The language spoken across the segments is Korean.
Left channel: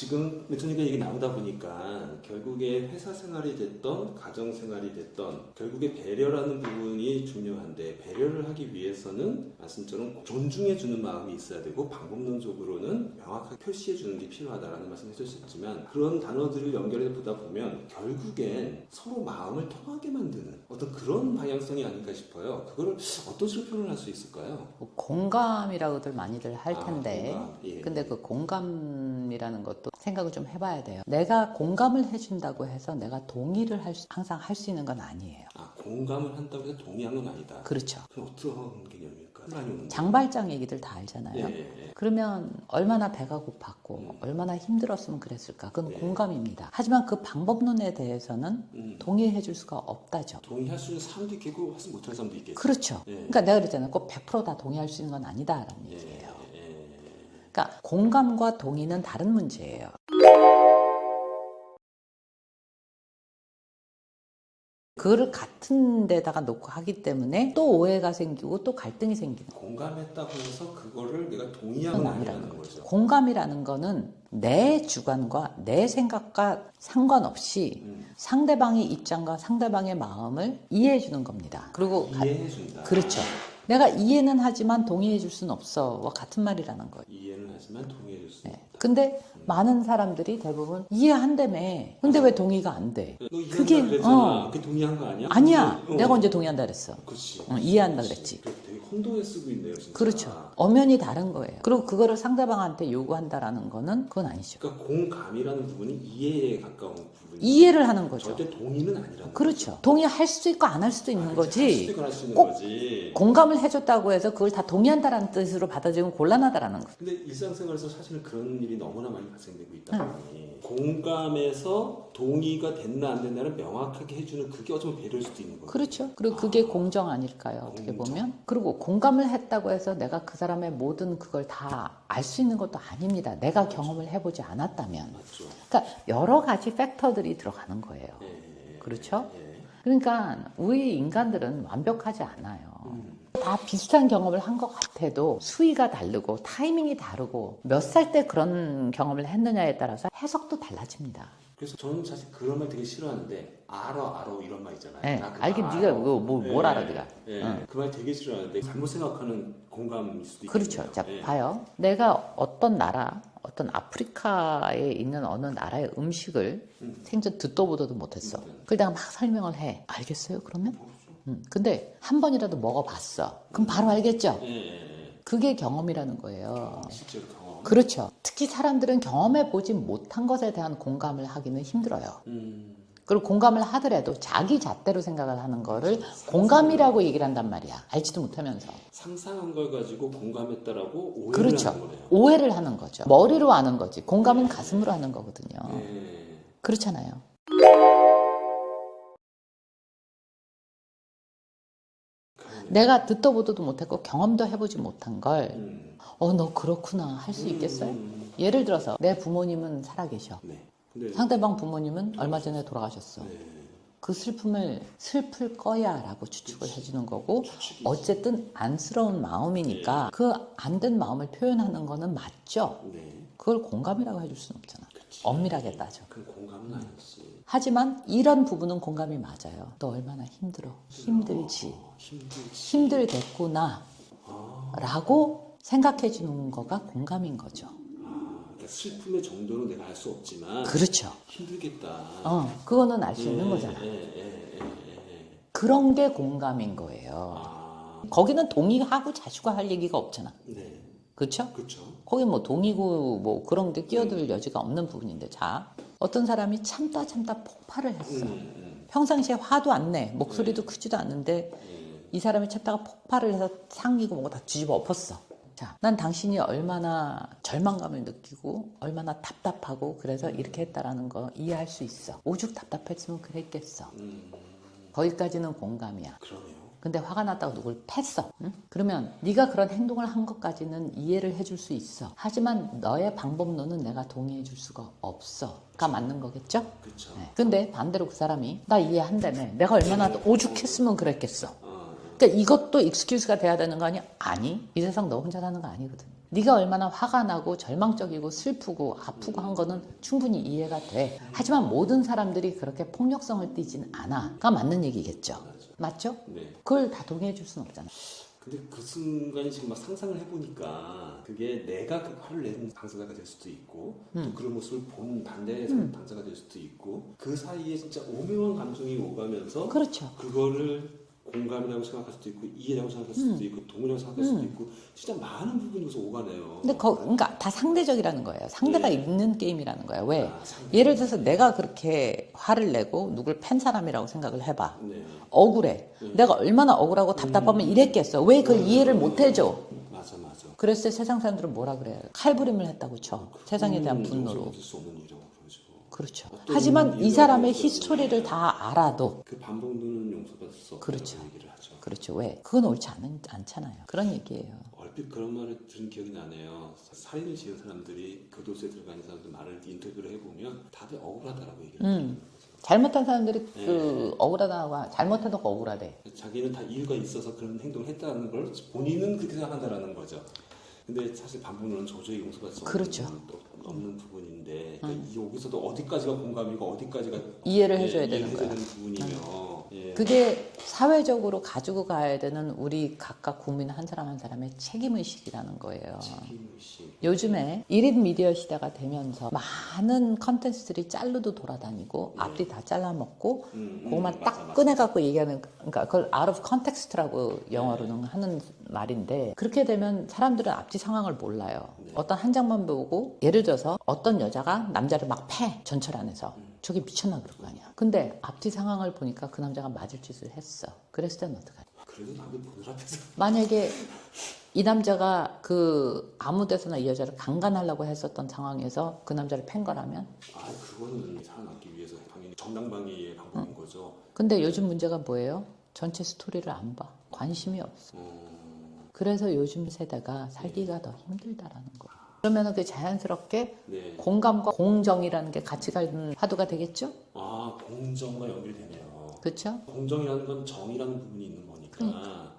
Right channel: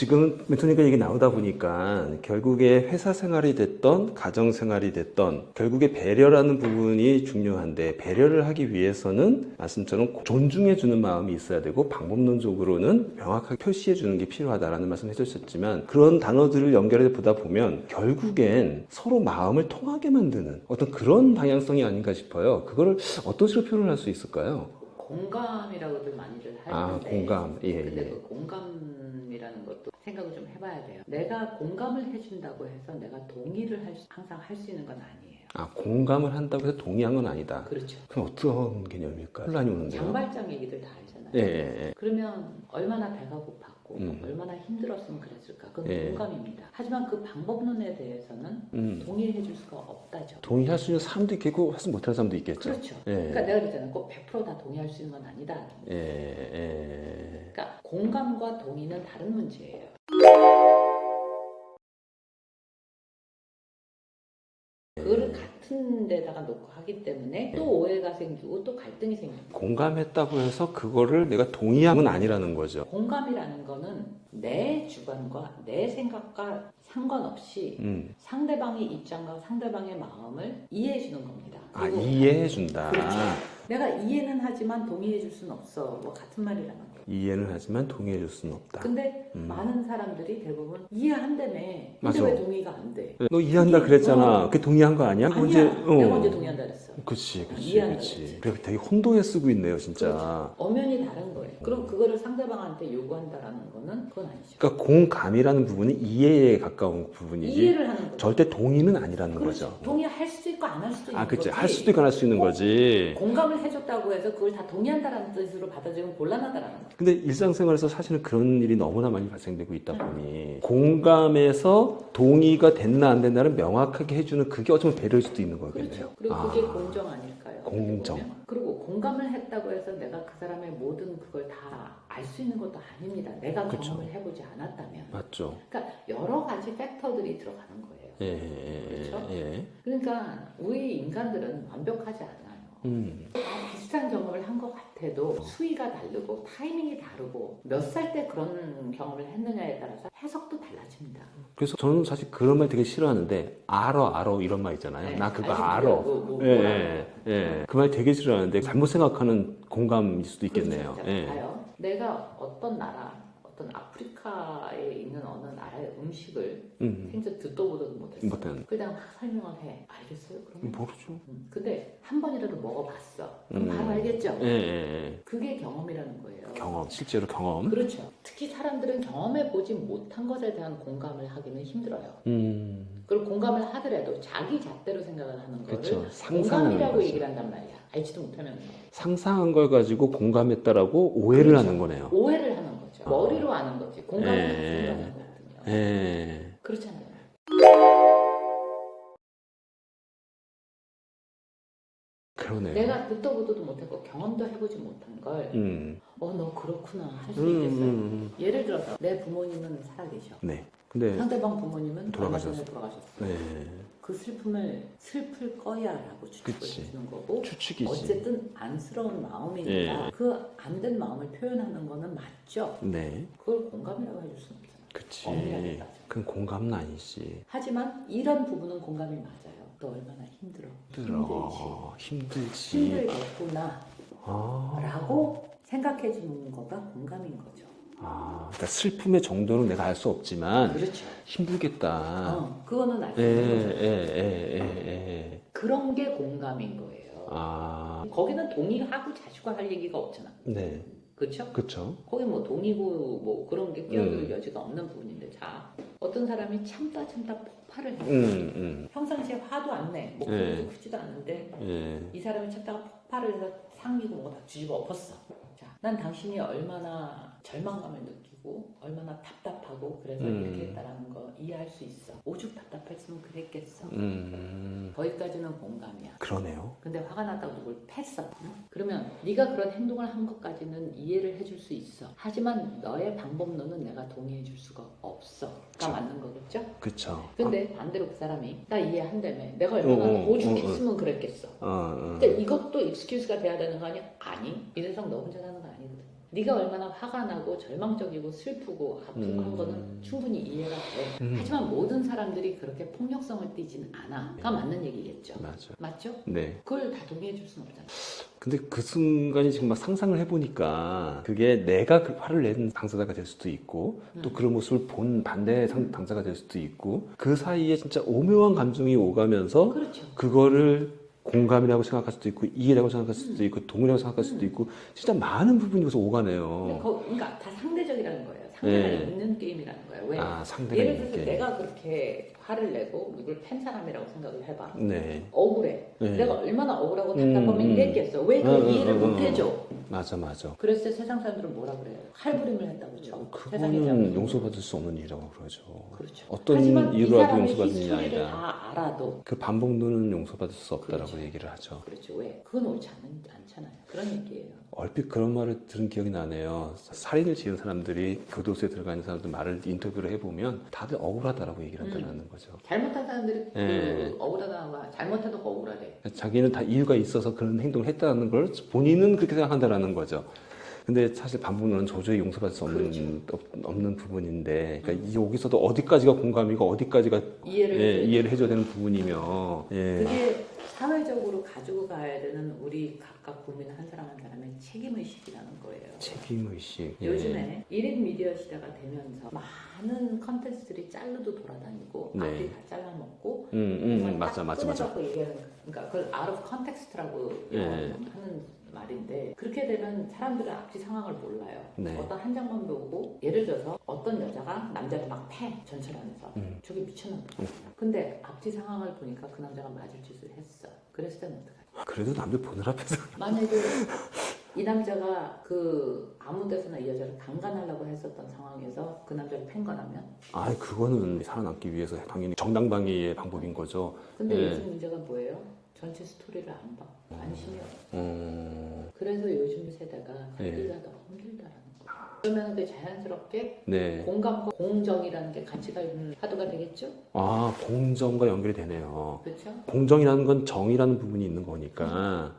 지금 메토니까 얘기 나오다 보니까 결국에 회사 생활이 됐던 가정 생활이 됐던 결국에 배려라는 부분이 중요한데, 배려를 하기 위해서는 말씀처럼 존중해 주는 마음이 있어야 되고 방법론적으로는 명확하게 표시해 주는 게 필요하다라는 말씀을 해주셨지만, 그런 단어들을 연결해 보다 보면 결국엔 서로 마음을 통하게 만드는 어떤 그런 방향성이 아닌가 싶어요. 그거를 어떤 식으로 표현할 수 있을까요? 공감이라고들 많이들 할 텐데, 공감. 예, 근데 예. 그 공감이라는 것도 생각을 좀 해봐야 돼요. 내가 공감을 해준다고 해서 내가 동의를 항상 할 수 있는 건 아니에요. 공감을 한다고 해서 동의한 건 아니다. 그렇죠. 그럼 어떤 개념일까요? 혼란이 오는 거예요? 장발장 얘기들 다 알잖아요. 예, 예, 예. 그러면 얼마나 배가 고팠고 얼마나 힘들었으면 그랬을까? 그건 예. 공감입니다. 하지만 그 방법론에 대해서는 동의해 줄 수가 없다죠. 동의할 수 있는 사람도 있겠고 하지 못할 사람도 있겠죠. 그렇죠. 예. 그러니까 내가 그랬잖아요. 꼭 100%다 동의할 수 있는 건 아니다라는 예, 얘기예요. 예. 그러니까 공감과 동의는 다른 문제예요. 그거를 같은 데다가 놓고 하기 때문에 또 오해가 생기고 또 갈등이 생기는 거예요. 공감했다고 해서 그거를 내가 동의함은 아니라는 거죠. 공감이라는 거는 내 주관과 내 생각과 상관없이 상대방의 입장과 상대방의 마음을 이해해 주는 겁니다. 그리고 이해해 준다. 그렇죠. 내가 이해는 하지만 동의해 줄 수는 없어. 같은 말이라는 거예요. 이해는 하지만 동의해 줄 수는 없다. 근데 많은 사람들이 대부분 이해한다며. 근데 맞아. 왜 동의가 안 돼? 너 이해한다 그랬잖아. 어. 그게 동의한 거 아니야? 아니야. 근데, 내가 언제 동의한다 그랬어. 그치. 이해한다 그랬지. 그래, 되게 혼동해 쓰고 있네요, 진짜. 그렇죠. 엄연히 다른 거예요. 그리고 그거를 상대방한테 요구한다라는 거는 그건 아니죠. 그러니까 공감이라는 부분이 이해에 가까운 부분이지. 이해를 하는 거죠. 절대 동의는 아니라는 그렇죠. 거죠. 동의할 수도 있고 안 할 수도 있는 그치. 거지. 할 수도 있고 안 할 수 있는 꼭 거지. 공감을 해줬다고 해서 그걸 다 동의한다라는 뜻으로 받아들이면 곤란하다라는 거죠. 근데 일상생활에서 사실은 그런 일이 너무나 많이 발생되고 있다 보니 공감에서 동의가 됐나 안 됐나를 명확하게 해주는, 그게 어쩌면 배려일 수도 있는 거예요. 그렇죠. 그리고 그게 공정 아닐까요? 어떻게 공정. 보면. 그리고 공감을 했다고 해서 내가 그 사람의 모든 그걸 다 알 수 있는 것도 아닙니다. 내가 그렇죠. 경험을 해보지 않았다면. 맞죠. 그러니까 여러 가지 팩터들이 들어가는 거예요. 예, 그렇죠? 예. 그러니까 우리 인간들은 완벽하지 않아요. 다 비슷한 경험을 한 것 같아도 수위가 다르고 타이밍이 다르고 몇 살 때 그런 경험을 했느냐에 따라서 해석도 달라집니다. 그래서 저는 사실 그런 말 되게 싫어하는데, 알아 이런 말 있잖아요. 네. 나 그거 알긴 알아. 네가 뭘 알아요? 그 말 되게 싫어하는데 잘못 생각하는 공감일 수도 있겠네요. 그렇죠. 자, 예. 봐요. 내가 어떤 나라, 어떤 아프리카에 있는 어느 나라의 음식을 생전 듣도 보도도 못했어. 못했는데. 그걸 내가 막 설명을 해. 알겠어요? 그러면? 모르죠. 근데 한 번이라도 먹어봤어. 그럼 바로 알겠죠? 예. 그게 경험이라는 거예요. 경험, 실제로 경험. 그렇죠. 특히 사람들은 경험해보지 못한 것에 대한 공감을 하기는 힘들어요. 그리고 공감을 하더라도 자기 잣대로 생각을 하는 거를 그렇죠. 공감이라고 얘기를 한단 말이야. 알지도 못하면서. 상상한 걸 가지고 공감했다라고 오해를 그렇죠. 하는 거네요. 오해를 하는 거죠. 머리로 아는 거지. 공감은 예. 가슴으로 하는 거거든요. 예. 그렇잖아요. 그러네요. 내가 듣도 보도도 못했고 경험도 해보지 못한 걸 너 그렇구나 할 수 있겠어요? 예를 들어서 내 부모님은 살아계셔. 네. 근데 상대방 부모님은 얼마 전에 돌아가셨어. 네. 그 슬픔을 슬플 거야 라고 추측을 그치. 해주는 거고 추측이지. 어쨌든 안쓰러운 마음이니까 네. 그 안 된 마음을 표현하는 거는 맞죠. 네. 그걸 공감이라고 해줄 수는 없잖아. 그치. 엄밀하게 따져. 그건 공감은 아니지. 하지만 이런 부분은 공감이 맞아요. 너 얼마나 힘들지. 힘들지. 힘들겠구나 라고 생각해 주는 거가 공감인 거죠. 그러니까 슬픔의 정도는 내가 알 수 없지만 그렇죠. 힘들겠다. 그거는 알 수 있는 거잖아요. 그런 게 공감인 거예요. 거기는 동의하고 자주가 할 얘기가 없잖아. 네. 그렇죠? 그렇죠. 거기 뭐 동의고 뭐 그런 게 끼어들 여지가 없는 부분인데, 자, 어떤 사람이 참다 폭발을 했어. 평상시에 화도 안 내, 목소리도 크지도 않는데 이 사람이 참다가 폭발을 해서 상기고 뭐가 다 뒤집어 엎었어. 자, 난 당신이 얼마나 절망감을 느끼고 얼마나 답답하고 그래서 이렇게 했다라는 거 이해할 수 있어. 오죽 답답했으면 그랬겠어. 거기까지는 공감이야. 그러네요. 근데 화가 났다고 누굴 팼어. 응? 그러면 네가 그런 행동을 한 것까지는 이해를 해줄 수 있어. 하지만 너의 방법론은 내가 동의해 줄 수가 없어가 맞는 거겠죠? 그렇죠. 근데 반대로 그 사람이 나 이해한다며 내가 얼마나 오죽했으면 그랬겠어. 그러니까 이것도 익스큐즈가 돼야 되는 거 아니야? 아니, 이 세상 너 혼자 사는 거 아니거든. 네가 얼마나 화가 나고 절망적이고 슬프고 아프고 한 거는 충분히 이해가 돼. 하지만 모든 사람들이 그렇게 폭력성을 띠진 않아가 맞는 얘기겠죠. 맞죠? 네. 그걸 다 동의해 줄 수는 없잖아. 근데 그 순간이 지금 막 상상을 해보니까 그게 내가 그 화를 낸 당사자가 될 수도 있고 또 그런 모습을 본 반대 당사자가 될 수도 있고 그 사이에 진짜 오묘한 감정이 오가면서 그렇죠. 그거를 공감이라고 생각할 수도 있고 이해라고 생각할 수도 있고 동의라고 생각할 수도 있고 진짜 많은 부분이 여기서 오가네요. 근데 그러니까 다 상대적이라는 거예요. 상대가 네. 있는 게임이라는 거예요. 왜? 상대가 예를 들어서 있는 내가 그렇게 화를 내고 누굴 팬 사람이라고 생각을 해봐. 네. 억울해. 네. 내가 얼마나 억울하고 답답하면 이랬겠어. 왜 그걸 이해를 못 해줘? 맞아. 그랬을 때 세상 사람들은 뭐라 그래요? 칼부림을 했다고 쳐. 세상에 대한 분노로. 용서받을 수 없는 일이라고 그러죠. 그렇죠. 어떤 하지만 이 이유가 사람의 용서받느냐 히스토리를 아니냐. 다 알아도 그 반복론은 용서받을 수 없다라고 그렇죠. 얘기를 하죠. 그렇죠. 왜? 그건 옳지 않잖아요. 그런 얘기예요. 얼핏 그런 말을 들은 기억이 나네요. 살인을 지은 사람들이 교도소에 들어가 있는 사람들 말을 인터뷰를 해보면 다들 억울하다라고 얘기를 한다는 거죠. 잘못한 사람들이 네. 그 억울하다가 잘못해도 억울하대. 자기는 다 이유가 있어서 그런 행동을 했다는 걸 본인은 그렇게 생각한다라는 거죠. 근데 사실 반복론은 도저히 용서받을 수 없는, 그렇죠. 없는 부분인데 그러니까 여기서도 어디까지가 공감이고 어디까지가 이해를 해줘야 이해를 해줘야 되는 되는 부분이며 예. 그게 사회적으로 가지고 가야 되는 우리 각각 국민 한 사람 한 사람의 책임의식이라는 거예요. 책임의식. 요즘에 1인 미디어 시대가 되면서 많은 컨텐츠들이 짤로도 돌아다니고 네. 앞뒤 다 잘라먹고 뭐만 맞아, 딱 맞아, 꺼내갖고 얘기하는 그러니까 그걸 out of context라고 영어로는 네. 하는 말인데 그렇게 되면 사람들은 앞뒤 상황을 몰라요. 네. 어떤 한 장만 보고 예를 들어서 어떤 여자가 남자를 막 패 전철 안에서 저게 미쳤나 그러거든요. 근데 앞뒤 상황을 보니까 그 남자가 맞을 짓을 했어. 그랬을 때는 어떡하지? 그래도 남들 보는 앞에서 만약에 이 남자가 그 아무 데서나 이 여자를 강간하려고 했었던 상황에서 그 남자를 팬 거라면 그거는 살아남기 위해서 당연히 정당방위의 방법인 거죠. 근데 네. 요즘 문제가 뭐예요? 전체 스토리를 안 봐. 관심이 없어. 그래서 요즘 세대가 살기가 더 힘들다라는 거예요. 그러면 그 자연스럽게 네. 공감과 공정이라는 게 같이 가는 화두가 되겠죠? 공정과 연결이 되네요. 그렇죠? 공정이라는 건 정이라는 부분이 있는 거니까.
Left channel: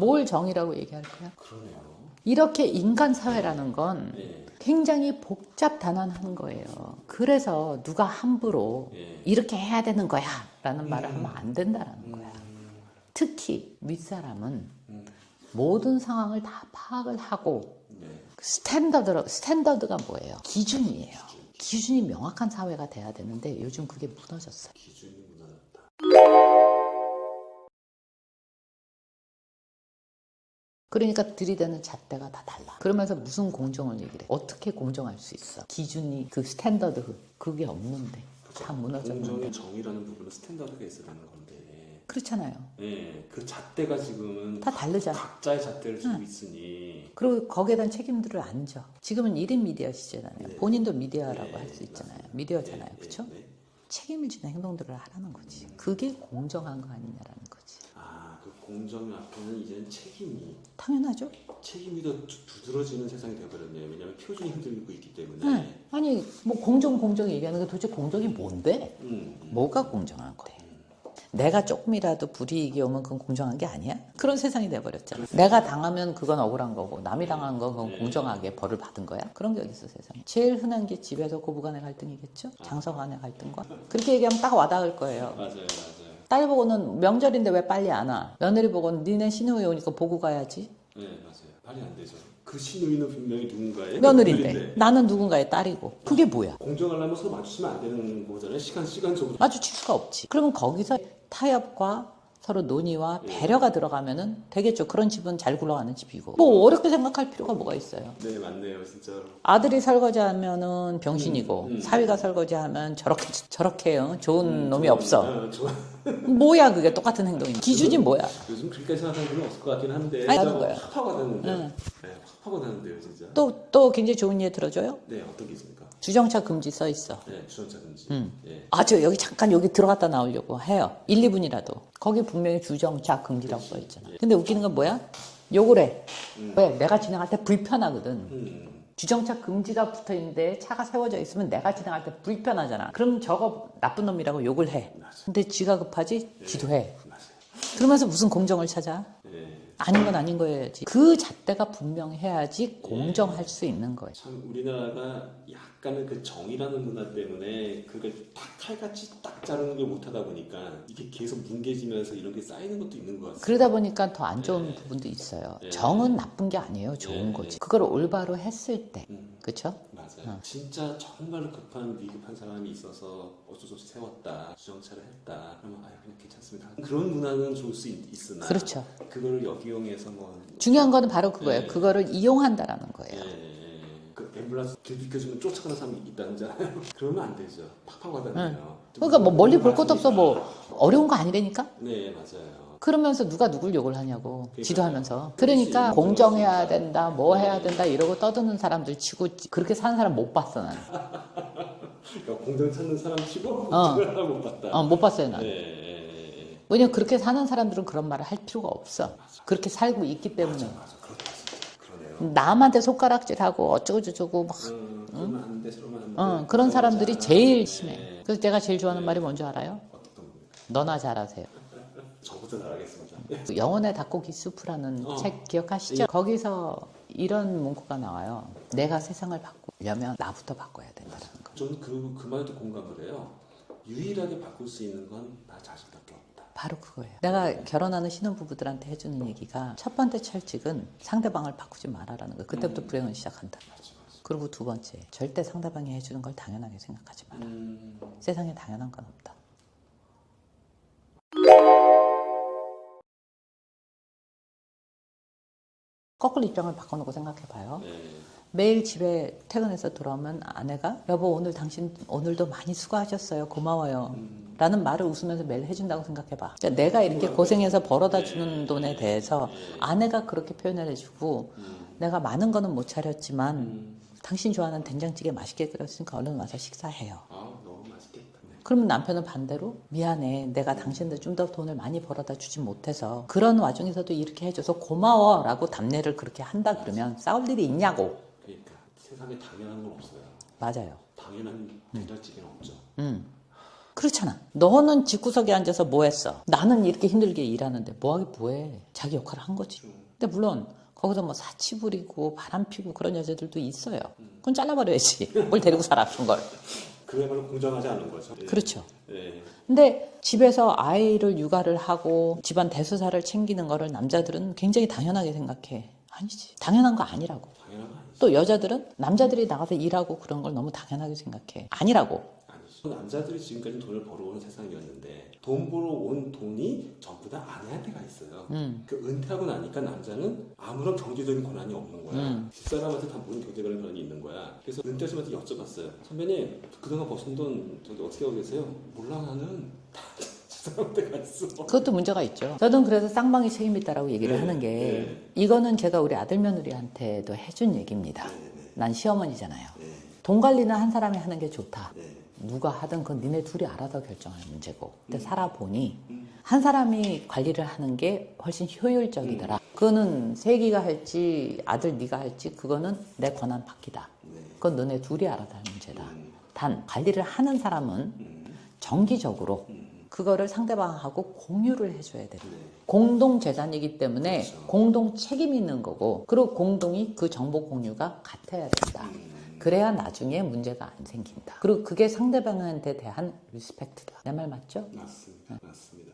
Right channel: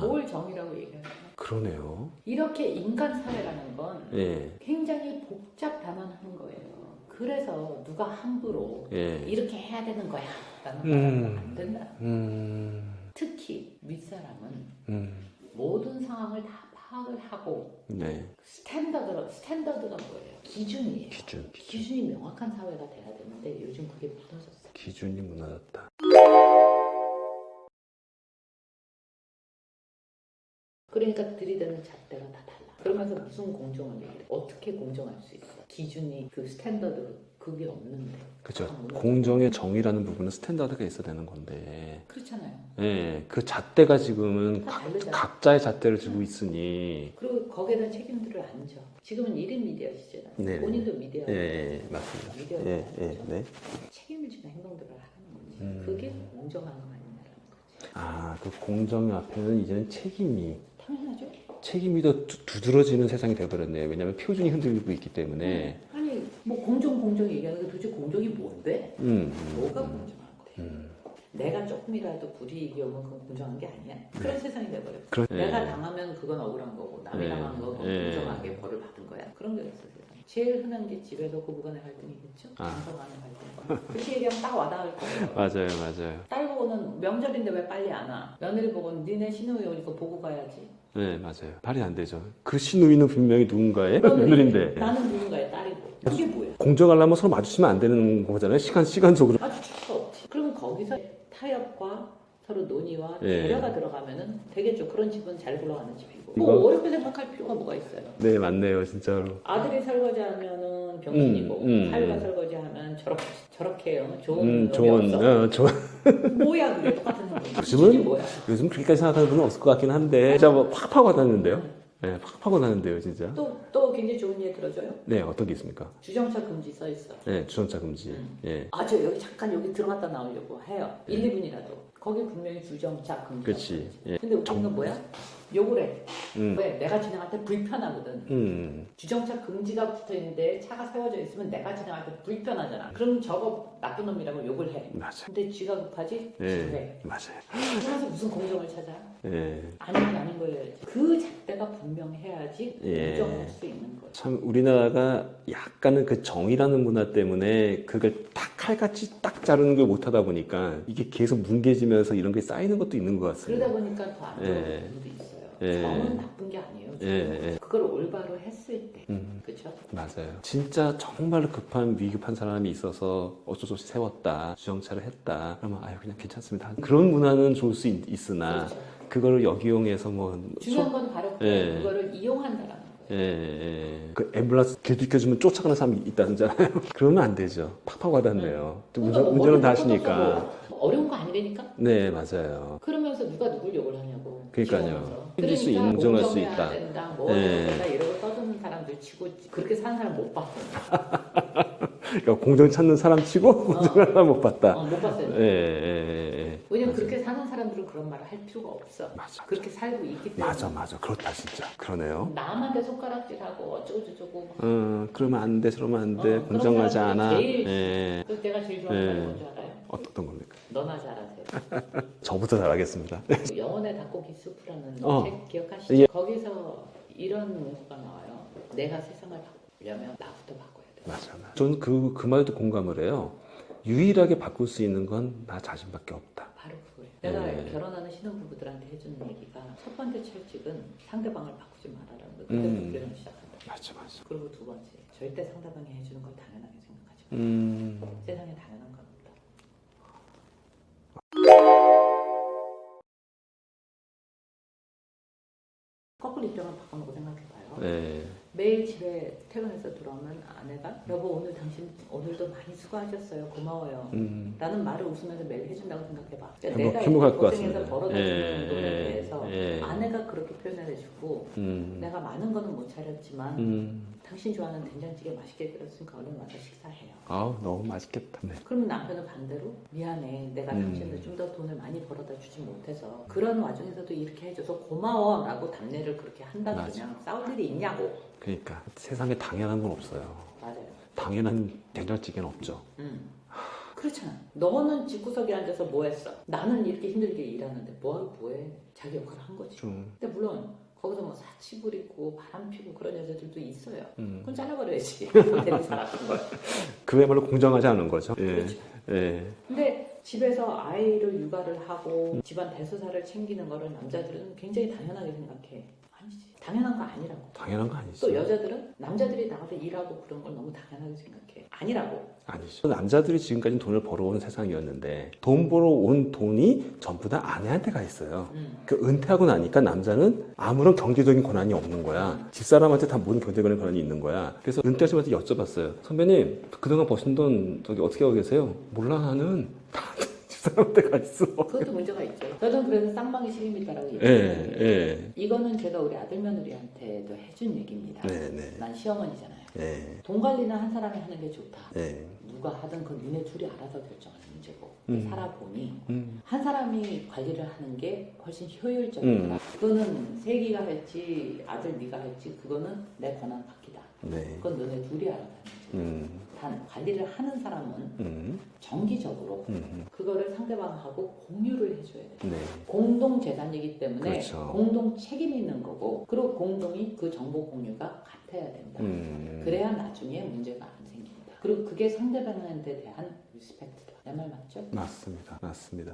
뭘 정의라고 얘기할까요? 그러네요. 이렇게 인간 사회라는 건 예. 굉장히 복잡다난한 거예요. 그래서 누가 함부로 예. 이렇게 해야 되는 거야 라는 말을 하면 안 된다는 거예요. 음. 특히 윗사람은 모든 상황을 다 파악을 하고 네. 스탠더드가 뭐예요? 기준이에요. 기준. 기준이 명확한 사회가 돼야 되는데 요즘 그게 무너졌어요. 기준이 무너졌다. 그러니까 들이대는 잣대가 다 달라. 그러면서 무슨 공정을 얘기해? 어떻게 공정할 수 있어? 기준이 그 스탠더드 그게 없는데. 그렇죠. 다 무너져. 공정의 정의라는 부분은 스탠다드가 있어야 되는 건데. 그렇잖아요. 예. 그 잣대가 지금은 다 다르잖아. 각자의 잣대를 쥐고 있으니. 그리고 거기에 대한 책임들을 안 져. 지금은 1인 미디어 시대잖아요. 네. 본인도 미디어라고 네, 할 수 있잖아요. 맞습니다. 미디어잖아요. 예, 그렇죠? 네. 책임을 지는 행동들을 하라는 거지. 그게 공정한 거 아니냐라는 거지. 그 공정 앞에는 이제는 당연하죠. 책임이 더 두드러지는 세상이 되어버렸네요. 왜냐하면 표준이 흔들리고 있기 때문에. 아니 뭐 공정 얘기하는 게 도대체 공정이 뭔데? 뭐가 공정한 거래? 내가 조금이라도 불이익이 오면 그건 공정한 게 아니야? 그런 세상이 돼버렸잖아. 그렇네. 내가 당하면 그건 억울한 거고 남이 네. 당한 건 그건 네. 공정하게 벌을 받은 거야? 그런 게 어딨어 세상에. 제일 흔한 게 집에서 고부간의 갈등이겠죠? 장서간의 갈등과. 그렇게 얘기하면 딱 와닿을 거예요. 맞아요. 딸 보고는 명절인데 왜 빨리 안 와? 며느리 보고는 니네 시누이 오니까 보고 가야지. 네, 맞아요. 말이 안 되죠. 그 시누이는 분명히 누군가의 며느리인데 나는 누군가의 딸이고 그게 뭐야? 공정하려면 서로 마주치면 안 되는 거잖아요. 시간적으로. 마주칠 수가 없지. 그러면 거기서 타협과 서로 논의와 예. 배려가 들어가면은 되겠죠. 그런 집은 잘 굴러가는 집이고. 뭐 어렵게 생각할 필요가 뭐가 있어요. 네, 맞네요. 진짜로. 아들이 설거지하면은 병신이고 사위가 설거지하면 저렇게 좋은 놈이 없어. 뭐야 그게 똑같은 행동이. 기준이 뭐야? 요즘 그렇게까지 생각하는 분은 없을 것 같긴 한데 아니, 진짜 거야. 확 파고 나는데요. 네, 확 파고 나는데요, 진짜. 또 굉장히 좋은 예 들어줘요. 네, 어떤 게 있습니까? 주정차 금지 써 있어. 네, 주전차 금지. 예. 아주 여기 잠깐 여기 들어갔다 나오려고 해요. 1, 2분이라도. 거기 분명히 주정차 금지라고 그치. 써 있잖아. 예. 근데 웃기는 건 뭐야? 욕을 해. 왜? 내가 지나갈 때 불편하거든. 음. 주정차 금지가 붙어 있는데 차가 세워져 있으면 내가 지나갈 때 불편하잖아. 그럼 저거 나쁜 놈이라고 욕을 해. 맞아. 근데 지가 급하지? 지도 해. 맞아요. 그러면서 무슨 공정을 찾아? 예. 아닌 건 아닌 거야지. 그 잣대가 분명해야지 예. 공정할 수 있는 거예요. 참 우리나라가 약간은 그 정이라는 문화 때문에 그걸 딱 칼같이 딱 자르는 걸 못하다 보니까 이게 계속 뭉개지면서 이런 게 쌓이는 것도 있는 것 같습니다. 그러다 보니까 더 안 좋은 예. 부분도 있어요. 예. 정은 나쁜 게 아니에요. 좋은 예. 거지. 그걸 올바로 했을 때. 그렇죠? 맞아요. 진짜 정말로 급한 위급한 사람이 있어서 어쩔 수 없이 세웠다, 주정차를 했다. 그러면 아유 그냥 괜찮습니다. 그런 문화는 좋을 수 있으나 그렇죠. 그거를 역이용해서 뭐 중요한 거는 바로 그거예요. 예. 그거를 이용한다라는 거예요. 예. 그 앰뷸런스 길 비켜주면 쫓아가는 사람이 있다잖아요. 그러면 안 되죠. 팍팍 와닿네요. 그러니까 뭐 멀리 볼 것도 없어 뭐 어려운 거 아니라니까? 네 맞아요. 그러면서 누가 누굴 욕을 하냐고 그러니까요. 지도하면서. 틀릴 수 그러니까 있는, 인정할 공정해야 수 있다. 된다 뭐 해야 네. 된다 이러고 떠드는 사람들 치고 그렇게 사는 사람 못 봤어 나는. 그러니까 공정 찾는 사람 치고 공정을 사람 못 봤다. 못 봤어요 나는. 예. 왜냐면 그렇게 사는 사람들은 그런 말을 할 필요가 없어. 맞아. 그렇게 살고 있기 때문에. 맞아. 그렇다 진짜. 그러네요. 남한테 손가락질하고 어쩌고저쩌고 막 그러면 안 돼, 저러면 안 돼. 그런 공정하지 사람들이 않아. 제일 심해. 예. 그래서 제가 제일 좋아하는 네. 말이 뭔지 알아요? 어떤 겁니까? 너나 잘하세요. 저부터 잘하겠습니다. 영혼의 닭고기 수프라는 책 기억하시죠? 예. 거기서 이런 문구가 나와요. 내가 세상을 바꾸려면 나부터 바꿔야 돼. 맞아요. 저는 그 말에도 공감을 해요. 유일하게 바꿀 수 있는 건 나 자신밖에 없다. 바로 그거예요. 내가 네. 결혼하는 신혼부부들한테 해주는 얘기가 첫 번째 철칙은 상대방을 바꾸지 말아라는 거예요. 그때부터 불행은 시작한다. 맞아. 그리고 두 번째, 절대 상대방이 해주는 걸 당연하게 생각하지 마. 세상에 당연한 건 없다. 거꾸로 입장을 바꿔놓고 생각해봐요. 네. 매일 집에 퇴근해서 돌아오면 아내가 여보 오늘 당신 오늘도 많이 수고하셨어요 고마워요 라는 말을 웃으면서 매일 해준다고 생각해봐. 그러니까 내가 이렇게 행복할 것 고생해서 같습니다. 벌어다 주는 돈에 대해서 예. 아내가 그렇게 표현을 해주고 내가 많은 거는 못 차렸지만 당신 좋아하는 된장찌개 맛있게 끓였으니까 얼른 와서 식사해요. 아 너무 맛있겠다. 네. 그러면 남편은 반대로 미안해 내가 당신들 좀 더 돈을 많이 벌어다 주지 못해서 그런 와중에서도 이렇게 해줘서 고마워 라고 답례를 그렇게 한다 그러면 싸울 일이 있냐고. 그러니까 세상에 당연한 건 없어요. 맞아요. 당연한 된장찌개는 없죠. 그렇잖아. 너는 집구석에 앉아서 뭐 했어? 나는 이렇게 힘들게 일하는데 뭐하기 뭐해. 자기 역할을 한 거지. 근데 물론 거기서 뭐 사치 부리고 바람 피고 그런 여자들도 있어요. 그건 잘라버려야지. 뭘 데리고 살아 그런 걸. 그야말로 공정하지 않은 거죠. 예. 그렇죠. 예. 근데 집에서 아이를 육아를 하고 집안 대소사를 챙기는 거를 남자들은 굉장히 당연하게 생각해. 아니지. 당연한 거 아니라고. 당연한 거 아니죠. 또 여자들은 남자들이 나가서 일하고 그런 걸 너무 당연하게 생각해. 아니라고. 아니죠. 남자들이 지금까지 돈을 벌어온 세상이었는데 돈 벌어온 돈이 전부 다 아내한테 가 있어요. 그 은퇴하고 나니까 남자는 아무런 경제적인 권한이 없는 거야. 집사람한테 다 모든 경제적인 권한이 있는 거야. 그래서 은퇴하시면서 여쭤봤어요. 선배님 그동안 버신 돈 저기 어떻게 하고 계세요? 몰라 나는 집사람한테 가 있어. 그것도 문제가 있죠. 저는 그래서 쌍방이 책임 있다라고 얘기하는 게 예. 이거는 제가 우리 아들 며느리한테도 해준 얘기입니다. 네. 난 시어머니잖아요. 네. 돈 관리는 한 사람이 하는 게 좋다. 네. 누가 하든 그건 니네 둘이 알아서 결정할 문제고. 근데 살아보니 한 사람이 관리를 하는 게 훨씬 효율적이더라. 그거는 세기가 할지 아들 네가 할지 그거는 내 권한 받기다. 네. 그건 너네 둘이 알아서 할 문제다. 단 관리를 하는 사람은 정기적으로 그거를 상대방하고 공유를 해줘야 돼. 네. 공동 재산이기 때문에 그렇죠. 공동 책임이 있는 거고 그리고 공동이 그 정보 공유가 같아야 된다. 그래야 나중에 문제가 안 생긴다. 그리고 그게 상대방한테 대한 리스펙트다. 내 말 맞죠? 맞습니다.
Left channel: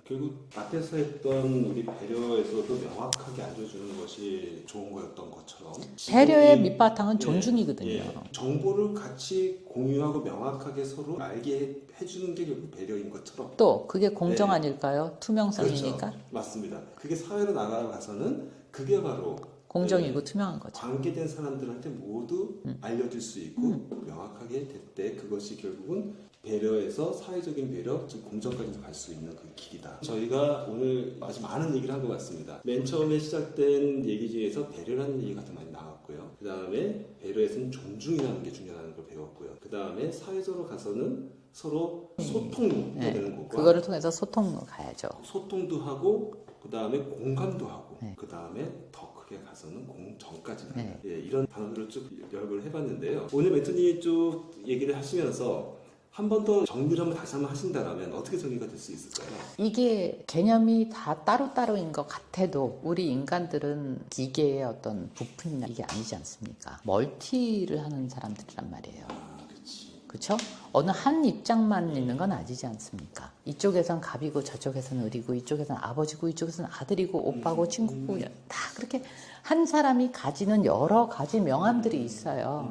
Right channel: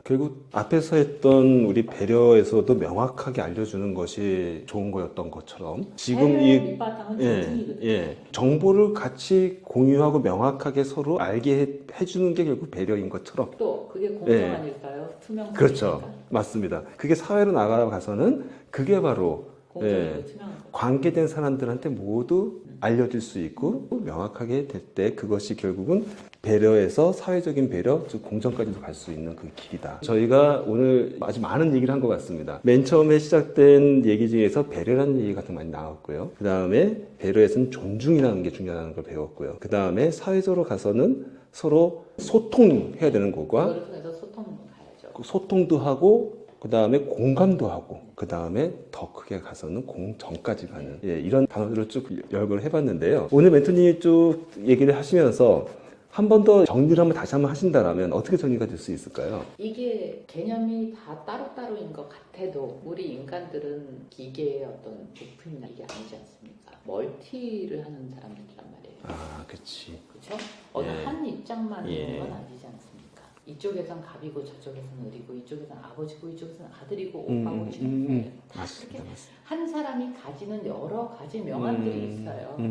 결국 앞에서 했던 우리 배려에서도 명확하게 알려주는 것이 좋은 거였던 것처럼 지금 배려의 밑바탕은 존중이거든요. 정보를 같이 공유하고 명확하게 서로 알게 해주는 게 결국 배려인 것처럼 또 그게 공정 예. 아닐까요? 투명성이니까. 그렇죠. 맞습니다. 그게 사회로 나가서는 그게 바로 공정이고 투명한 거죠. 관계된 사람들한테 모두 알려질 수 있고 명확하게 될 때 그것이 결국은 배려에서 사회적인 배려, 즉 공정까지도 갈 수 있는 그 길이다. 저희가 오늘 아주 많은 얘기를 한 것 같습니다. 맨 처음에 시작된 얘기 중에서 배려라는 얘기가 좀 많이 나왔고요. 그 다음에 배려에서는 존중이라는 게 중요하다는 걸 배웠고요. 그 다음에 사회적으로 가서는 서로 소통해야 되는 것과 그거를 통해서 소통으로 가야죠. 소통도 하고 그 다음에 공감도 하고, 그 다음에 더 크게 가서는 공정까지 가는 예, 이런 단어들을 쭉 열거를 해봤는데요. 오늘 멘토님이 쭉 얘기를 하시면서 한 번 더 정리를 한번 다시 한번 하신다면 어떻게 정리가 될 수 있을까요? 이게 개념이 다 따로따로인 것 같아도 우리 인간들은 기계의 어떤 부품이나 이게 아니지 않습니까? 멀티를 하는 사람들이란 말이에요. 아, 그렇지. 그렇죠? 어느 한 입장만 예. 있는 건 아니지 않습니까? 이쪽에선 갑이고 저쪽에서는 을이고 이쪽에선 아버지고 이쪽에서는 아들이고 오빠고 친구고 다 그렇게 한 사람이 가지는 여러 가지 명암들이 있어요.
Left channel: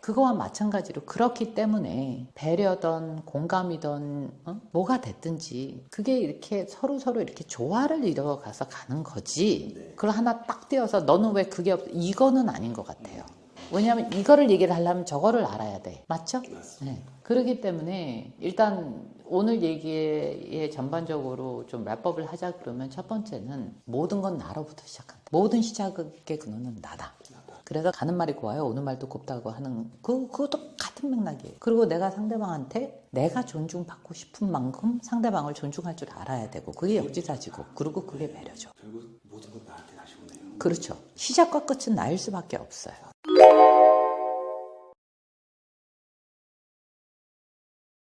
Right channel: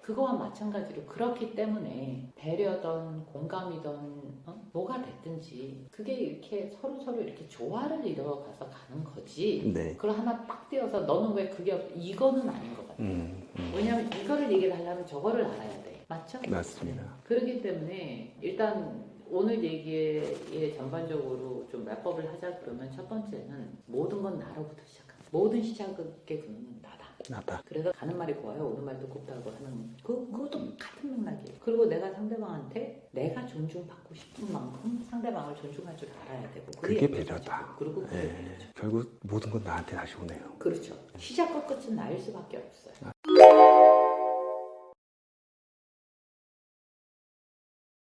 그거와 마찬가지로 그렇기 때문에 배려든 공감이든 뭐가 됐든지 그게 이렇게 서로 이렇게 조화를 이뤄가서 가는 거지. 네. 그걸 하나 딱 띄어서 너는 왜 그게 이거는 아닌 것 같아요. 왜냐하면 이거를 얘기를 하려면 저거를 알아야 돼. 맞죠? 맞습니다. 그렇기 때문에 일단 오늘 얘기에 전반적으로 좀 랩업을 하자 그러면 첫 번째는 모든 건 나로부터 시작한다. 모든 시작의 근원은 나다. 그래서 가는 말이 고와요. 오는 말도 곱다고 하는 그것도 같은 맥락이에요. 그리고 내가 상대방한테 내가 존중받고 싶은 만큼 상대방을 존중할 줄 알아야 되고 그게 역지사지고 그리고 그게 배려죠. 결국 모든 건 나한테 다시 오네요. 그렇죠. 시작과 끝은 나일 수밖에 없어요.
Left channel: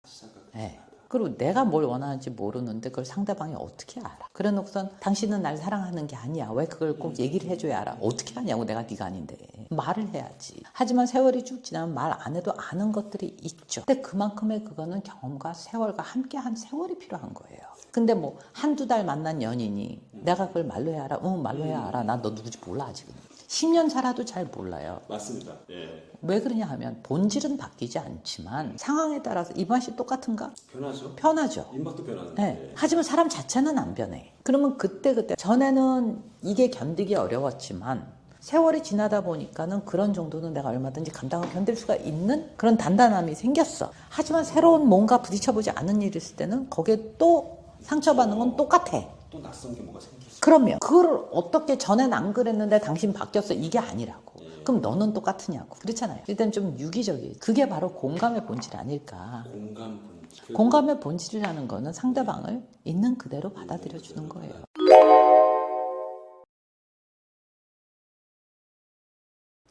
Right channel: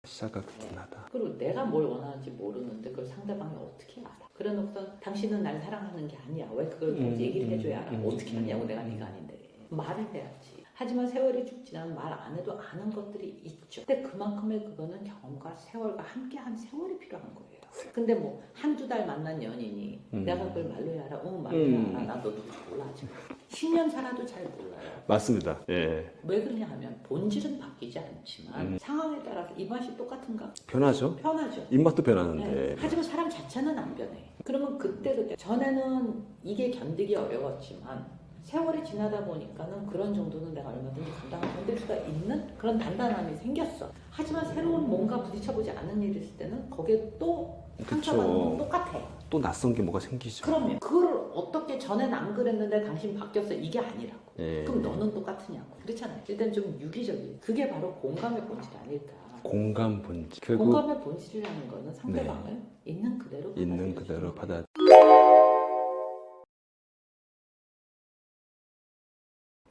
시작과 끝은 나다. 그리고 내가 뭘 원하는지 모르는데 그걸 상대방이 어떻게 알아? 그래 놓고선 당신은 날 사랑하는 게 아니야. 왜 그걸 꼭 얘기를 해줘야 알아? 어떻게 하냐고 내가 네가 아닌데. 말을 해야지. 하지만 세월이 쭉 지나면 말 안 해도 아는 것들이 있죠. 근데 그만큼의 그거는 경험과 세월과 함께한 세월이 필요한 거예요. 근데 뭐 한두 달 만난 연인이 내가 그걸 말로 해야 알아? 응, 말로 해야 알아. 나 너 누구지 몰라 아직. 10년 살아도 잘 몰라요. 맞습니다. 예. 왜 그러냐 하면 본질은 바뀌지 않지만 상황에 따라서 입맛이 똑같은가? 변하죠. 편하죠. 입맛도 변하는데. 네. 하지만 사람 자체는 안 변해. 그러면 그때 전에는 이게 견디기 어려웠지만 세월이 지나다 보니까는 그런 정도는 내가 얼마든지 감당을 견딜 수가 있는 그런 단단함이 생겼어. 하지만 새로운 뭔가 부딪혀보지 않은 일이 있을 때는 거기에 또 상처받는 건 똑같아. 또 낯선 게 뭐가 생기죠. 그러면 그걸 어떻게 전엔 안 그랬는데 당신 바뀌었어 이게 아니라고. 예. 그럼 너는 똑같으냐고. 그렇잖아요. 일단 좀 유기적이에요. 그게 바로 공감의 본질 아닐까. 공감 본질. 결국 공감의 본질이라는 거는 상대방을 있는 그대로 있는 받아들여 그대로 주는 거예요.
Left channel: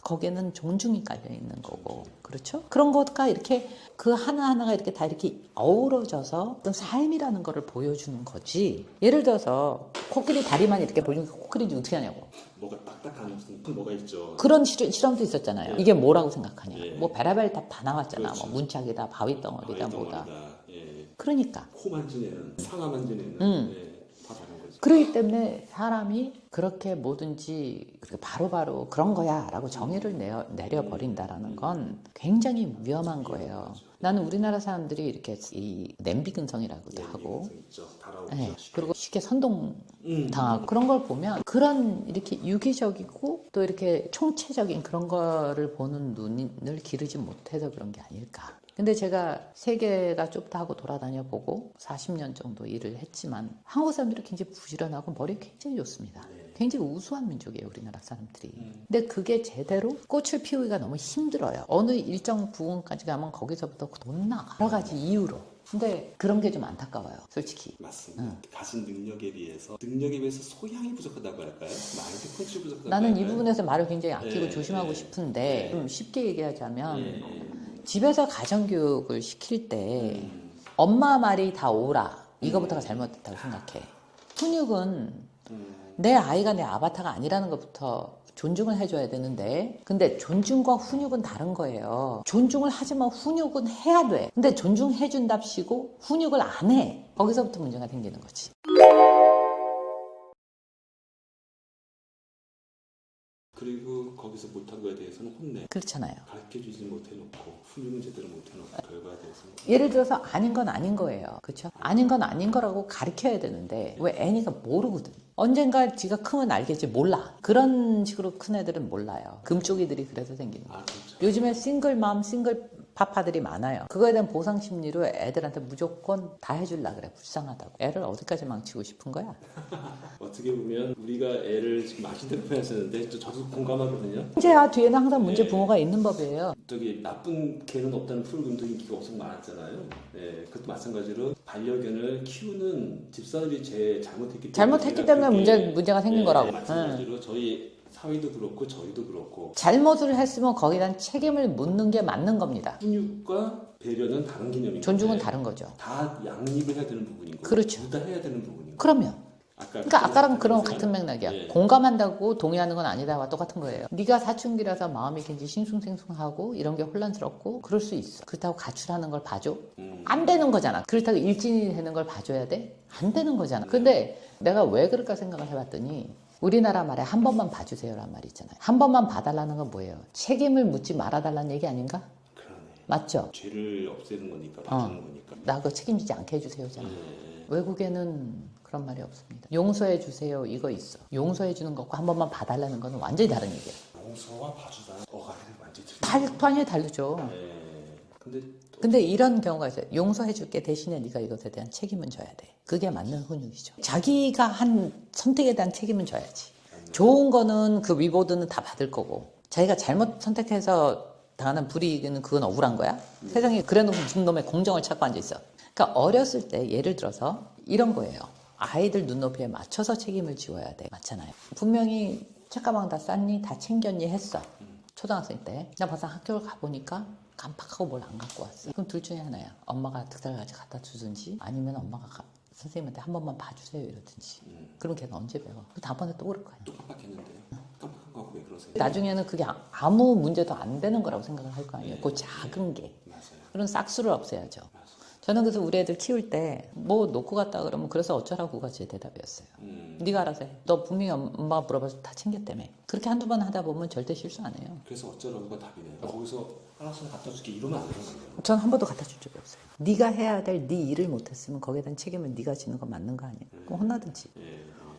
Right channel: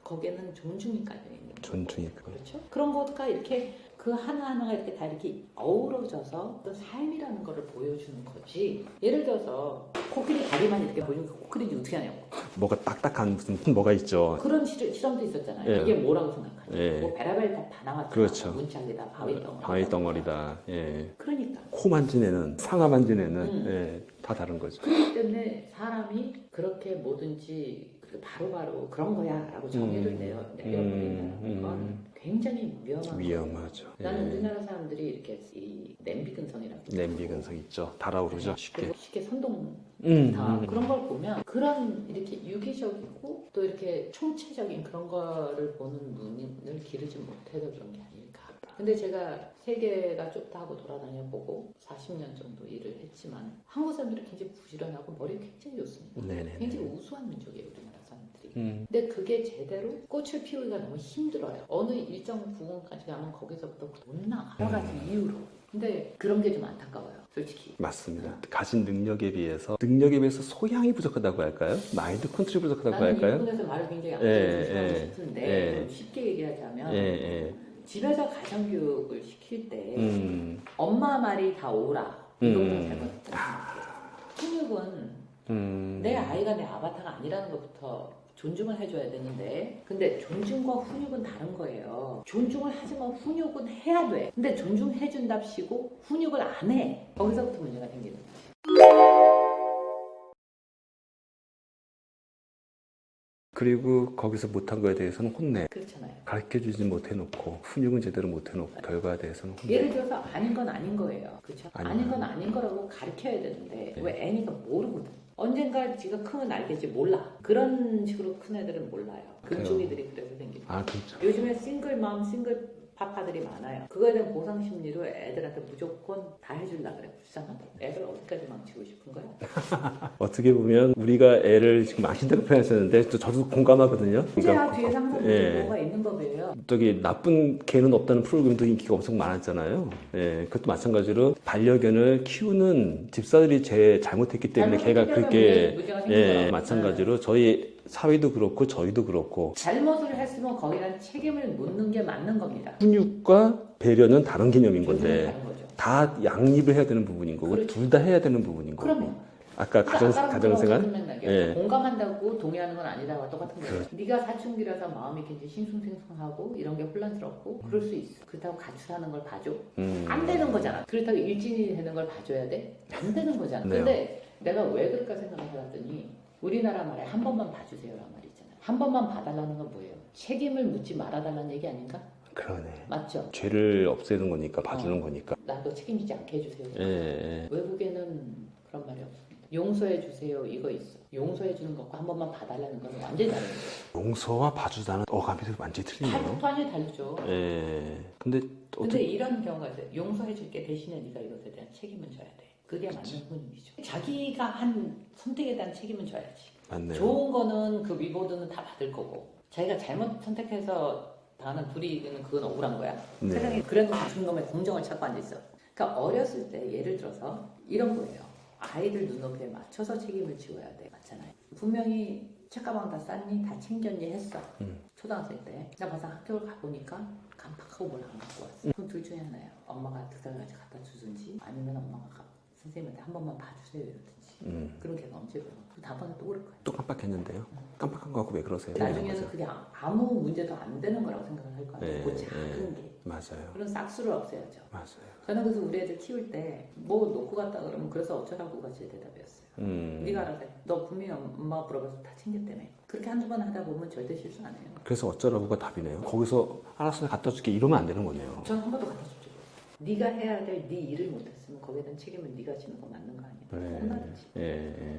거기에는 존중이 깔려 있는 거고, 존중이 그렇죠? 그런 것과 이렇게 그 하나하나가 이렇게 다 이렇게 어우러져서 어떤 삶이라는 거를 보여주는 거지. 예를 들어서 코끼리 다리만 이렇게 벌리는 코끼리인지 어떻게 하냐고. 뭐가 딱딱한 무슨 뭐가 있죠. 그런 실험도 있었잖아요. 예. 이게 뭐라고 생각하냐. 예. 뭐 베라벨 다 나왔잖아. 그렇죠. 뭐 문짝이다, 바위덩어리다. 바위 덩어리다. 예. 그러니까. 코 만지내는, 상하 만지내는 예, 다 다른 거죠. 그렇기 때문에 사람이 그렇게 뭐든지 바로바로 그런 거야 라고 정의를 내려버린다라는 건 굉장히 위험한 거예요. 위험하죠. 나는 예. 우리나라 사람들이 이렇게 이 냄비근성이라고도 냄비 하고 근성 있죠. 달아오르죠. 네, 쉽게. 그리고 쉽게 선동 당하고 그런 걸 보면 그런 이렇게 유기적이고 또 이렇게 총체적인 그런 거를 보는 눈을 기르지 못해서 그런 게 아닐까. 근데 제가 세계가 좁다 하고 돌아다녀 보고 40년 정도 일을 했지만 한국 사람들이 굉장히 부지런하고 머리 굉장히 좋습니다. 네네. 굉장히 우수한 민족이에요, 우리나라 사람들이. 근데 그게 제대로 꽃을 피우기가 너무 힘들어요. 어느 일정 부분까지 가면 거기서부터 못 나가. 여러 가지 이유로. 근데 그런 게 좀 안타까워요, 솔직히. 맞습니다. 가진 능력에 비해서 소양이 부족하다고 할까요? 마인드 컨트롤이 부족하다고 나는 이 할까요? 부분에서 말을 굉장히 아끼고 예, 조심하고 예, 싶은데 예. 좀 쉽게 얘기하자면 예. 집에서 가정교육을 시킬 때 엄마 말이 다 옳아. 이거부터가 잘못됐다고 생각해. 훈육은 내 아이가 내 아바타가 아니라는 것부터 존중을 해줘야 되는데 근데 존중과 훈육은 다른 거예요. 존중을 하지만 훈육은 해야 돼. 근데 존중해준답시고 훈육을 안 해. 거기서부터 문제가 생기는 거지. 그리고 거기서 못한 거에 대해서는 혼내. 그렇잖아요. 가르쳐주지 못해놓고 훈육은 제대로 못해놓고 결과에 대해서는 혼내. 예를 들어서 아닌 건 아닌 거예요. 그렇죠? 아닌 건 아닌 거라고 가르쳐야 되는데 왜 애니가 모르거든. 언젠가 지가 크면 알겠지. 몰라. 그런 식으로 큰 애들은 몰라요. 금쪽이들이 그래서 생기는 거예요. 아, 그렇죠. 요즘에 싱글맘, 싱글 파파들이 많아요. 그거에 대한 보상 심리로 애들한테 무조건 다 해주려고 그래. 불쌍하다고. 애를 어디까지 망치고 싶은 거야? 어떻게 보면 우리가 애를 지금 망친다고 표현하셨는데 또 저도 공감하거든요. 문제야 뒤에는 항상 문제 예. 부모가 있는 법이에요. 저기 나쁜 개는 없다는 프로그램도 인기가 엄청 많았잖아요. 예, 그것도 마찬가지로 반려견을 키우는 집사들이 잘못했기 때문에 잘못했기 때문에 문제가 생긴 거라고. 마찬가지로 저희 사회도 그렇고 저희도 그렇고 잘못을 했으면 거기에 대한 책임을 묻는 게 맞는 겁니다. 훈육과 배려는 다른 개념인 존중은 건데 다른 거죠. 다 양립을 해야 되는 부분인 거고 그렇죠. 둘 다 해야 되는 부분인 거고. 그러면 아까 그러니까 아까랑 그런 가정생활? 같은 맥락이야. 예. 공감한다고 동의하는 건 아니다와 똑같은 거예요. 네가 사춘기라서 마음이 굉장히 싱숭생숭하고 이런 게 혼란스럽고 그럴 수 있어. 그렇다고 가출하는 걸 봐줘? 안 되는 거잖아. 그렇다고 일진이 되는 걸 봐줘야 돼? 안 되는 거잖아. 근데 내가 왜 그럴까 생각을 해봤더니 우리나라 말에 한 번만 봐주세요란 말이 있잖아요. 한 번만 봐달라는 건 뭐예요? 책임을 묻지 말아달라는 얘기 아닌가? 그러네. 맞죠? 죄를 없애는 거니까 봐주는 거니까. 나 그거 책임지지 않게 해주세요. 예. 외국에는 그런 말이 없습니다. 용서해 주세요 이거 있어. 용서해 주는 것과 한 번만 봐달라는 건 완전히 다른 거예요. 용서와 봐주다는 어감이 완전히 틀리네요. 완전히 다르죠. 예. 근데 근데 이런 경우가 있어요. 용서해 줄게 대신에 네가 이것에 대한 책임은 져야 돼. 그게 맞는 훈육이죠. 자기가 한 선택에 대한 책임은 져야지. 맞네요. 좋은 거는 그 위보드는 다 받을 거고 자기가 잘못 선택해서 당하는 불이익은 그건 억울한 거야. 세상에 그래놓은 무슨 놈의 공정을 찾고 앉아있어. 그러니까 어렸을 때 예를 들어서 이런 거예요. 아이들 눈높이에 맞춰서 책임을 지어야 돼. 맞잖아요. 분명히 책가방 다 쌌니? 다 챙겼니? 했어. 초등학생 때. 나 벌써 학교를 가보니까 깜빡하고 뭘 안 갖고 왔어. 그럼 둘 중에 하나야. 엄마가 득달같이 갖다 주든지 아니면 엄마가 선생님한테 한 번만 봐주세요 이러든지. 그럼 걔가 언제 배워? 그럼 다음번에 또 그럴 거야. 또 깜빡했는데요. 깜빡한 거 갖고 왜 그러세요? 나중에는 그게 아무 문제도 안 되는 거라고 생각을 할 거 아니에요. 그 작은 게. 맞아요. 그런 싹수를 없애야죠. 맞아요. 저는 그래서 우리 애들 키울 때 뭐 놓고 갔다 그러면 그래서 어쩌라고가 제 대답이었어요. 네가 알아서 해. 너 분명히 엄마가 물어봐서 다 챙겼다며. 그렇게 한두 번 하다 보면 절대 실수 안 해요. 그래서 어쩌라고가 답이네요. 거기서 알았어 갖다 줄게 이러면 안 되는 거네요. 전 한 번도 갖다 줄 적이 없어요. 네가 해야 될 네 일을 못했으면 거기에 대한 책임을 네가 지는 건 맞는 거 아니에요. 그럼 혼나든지.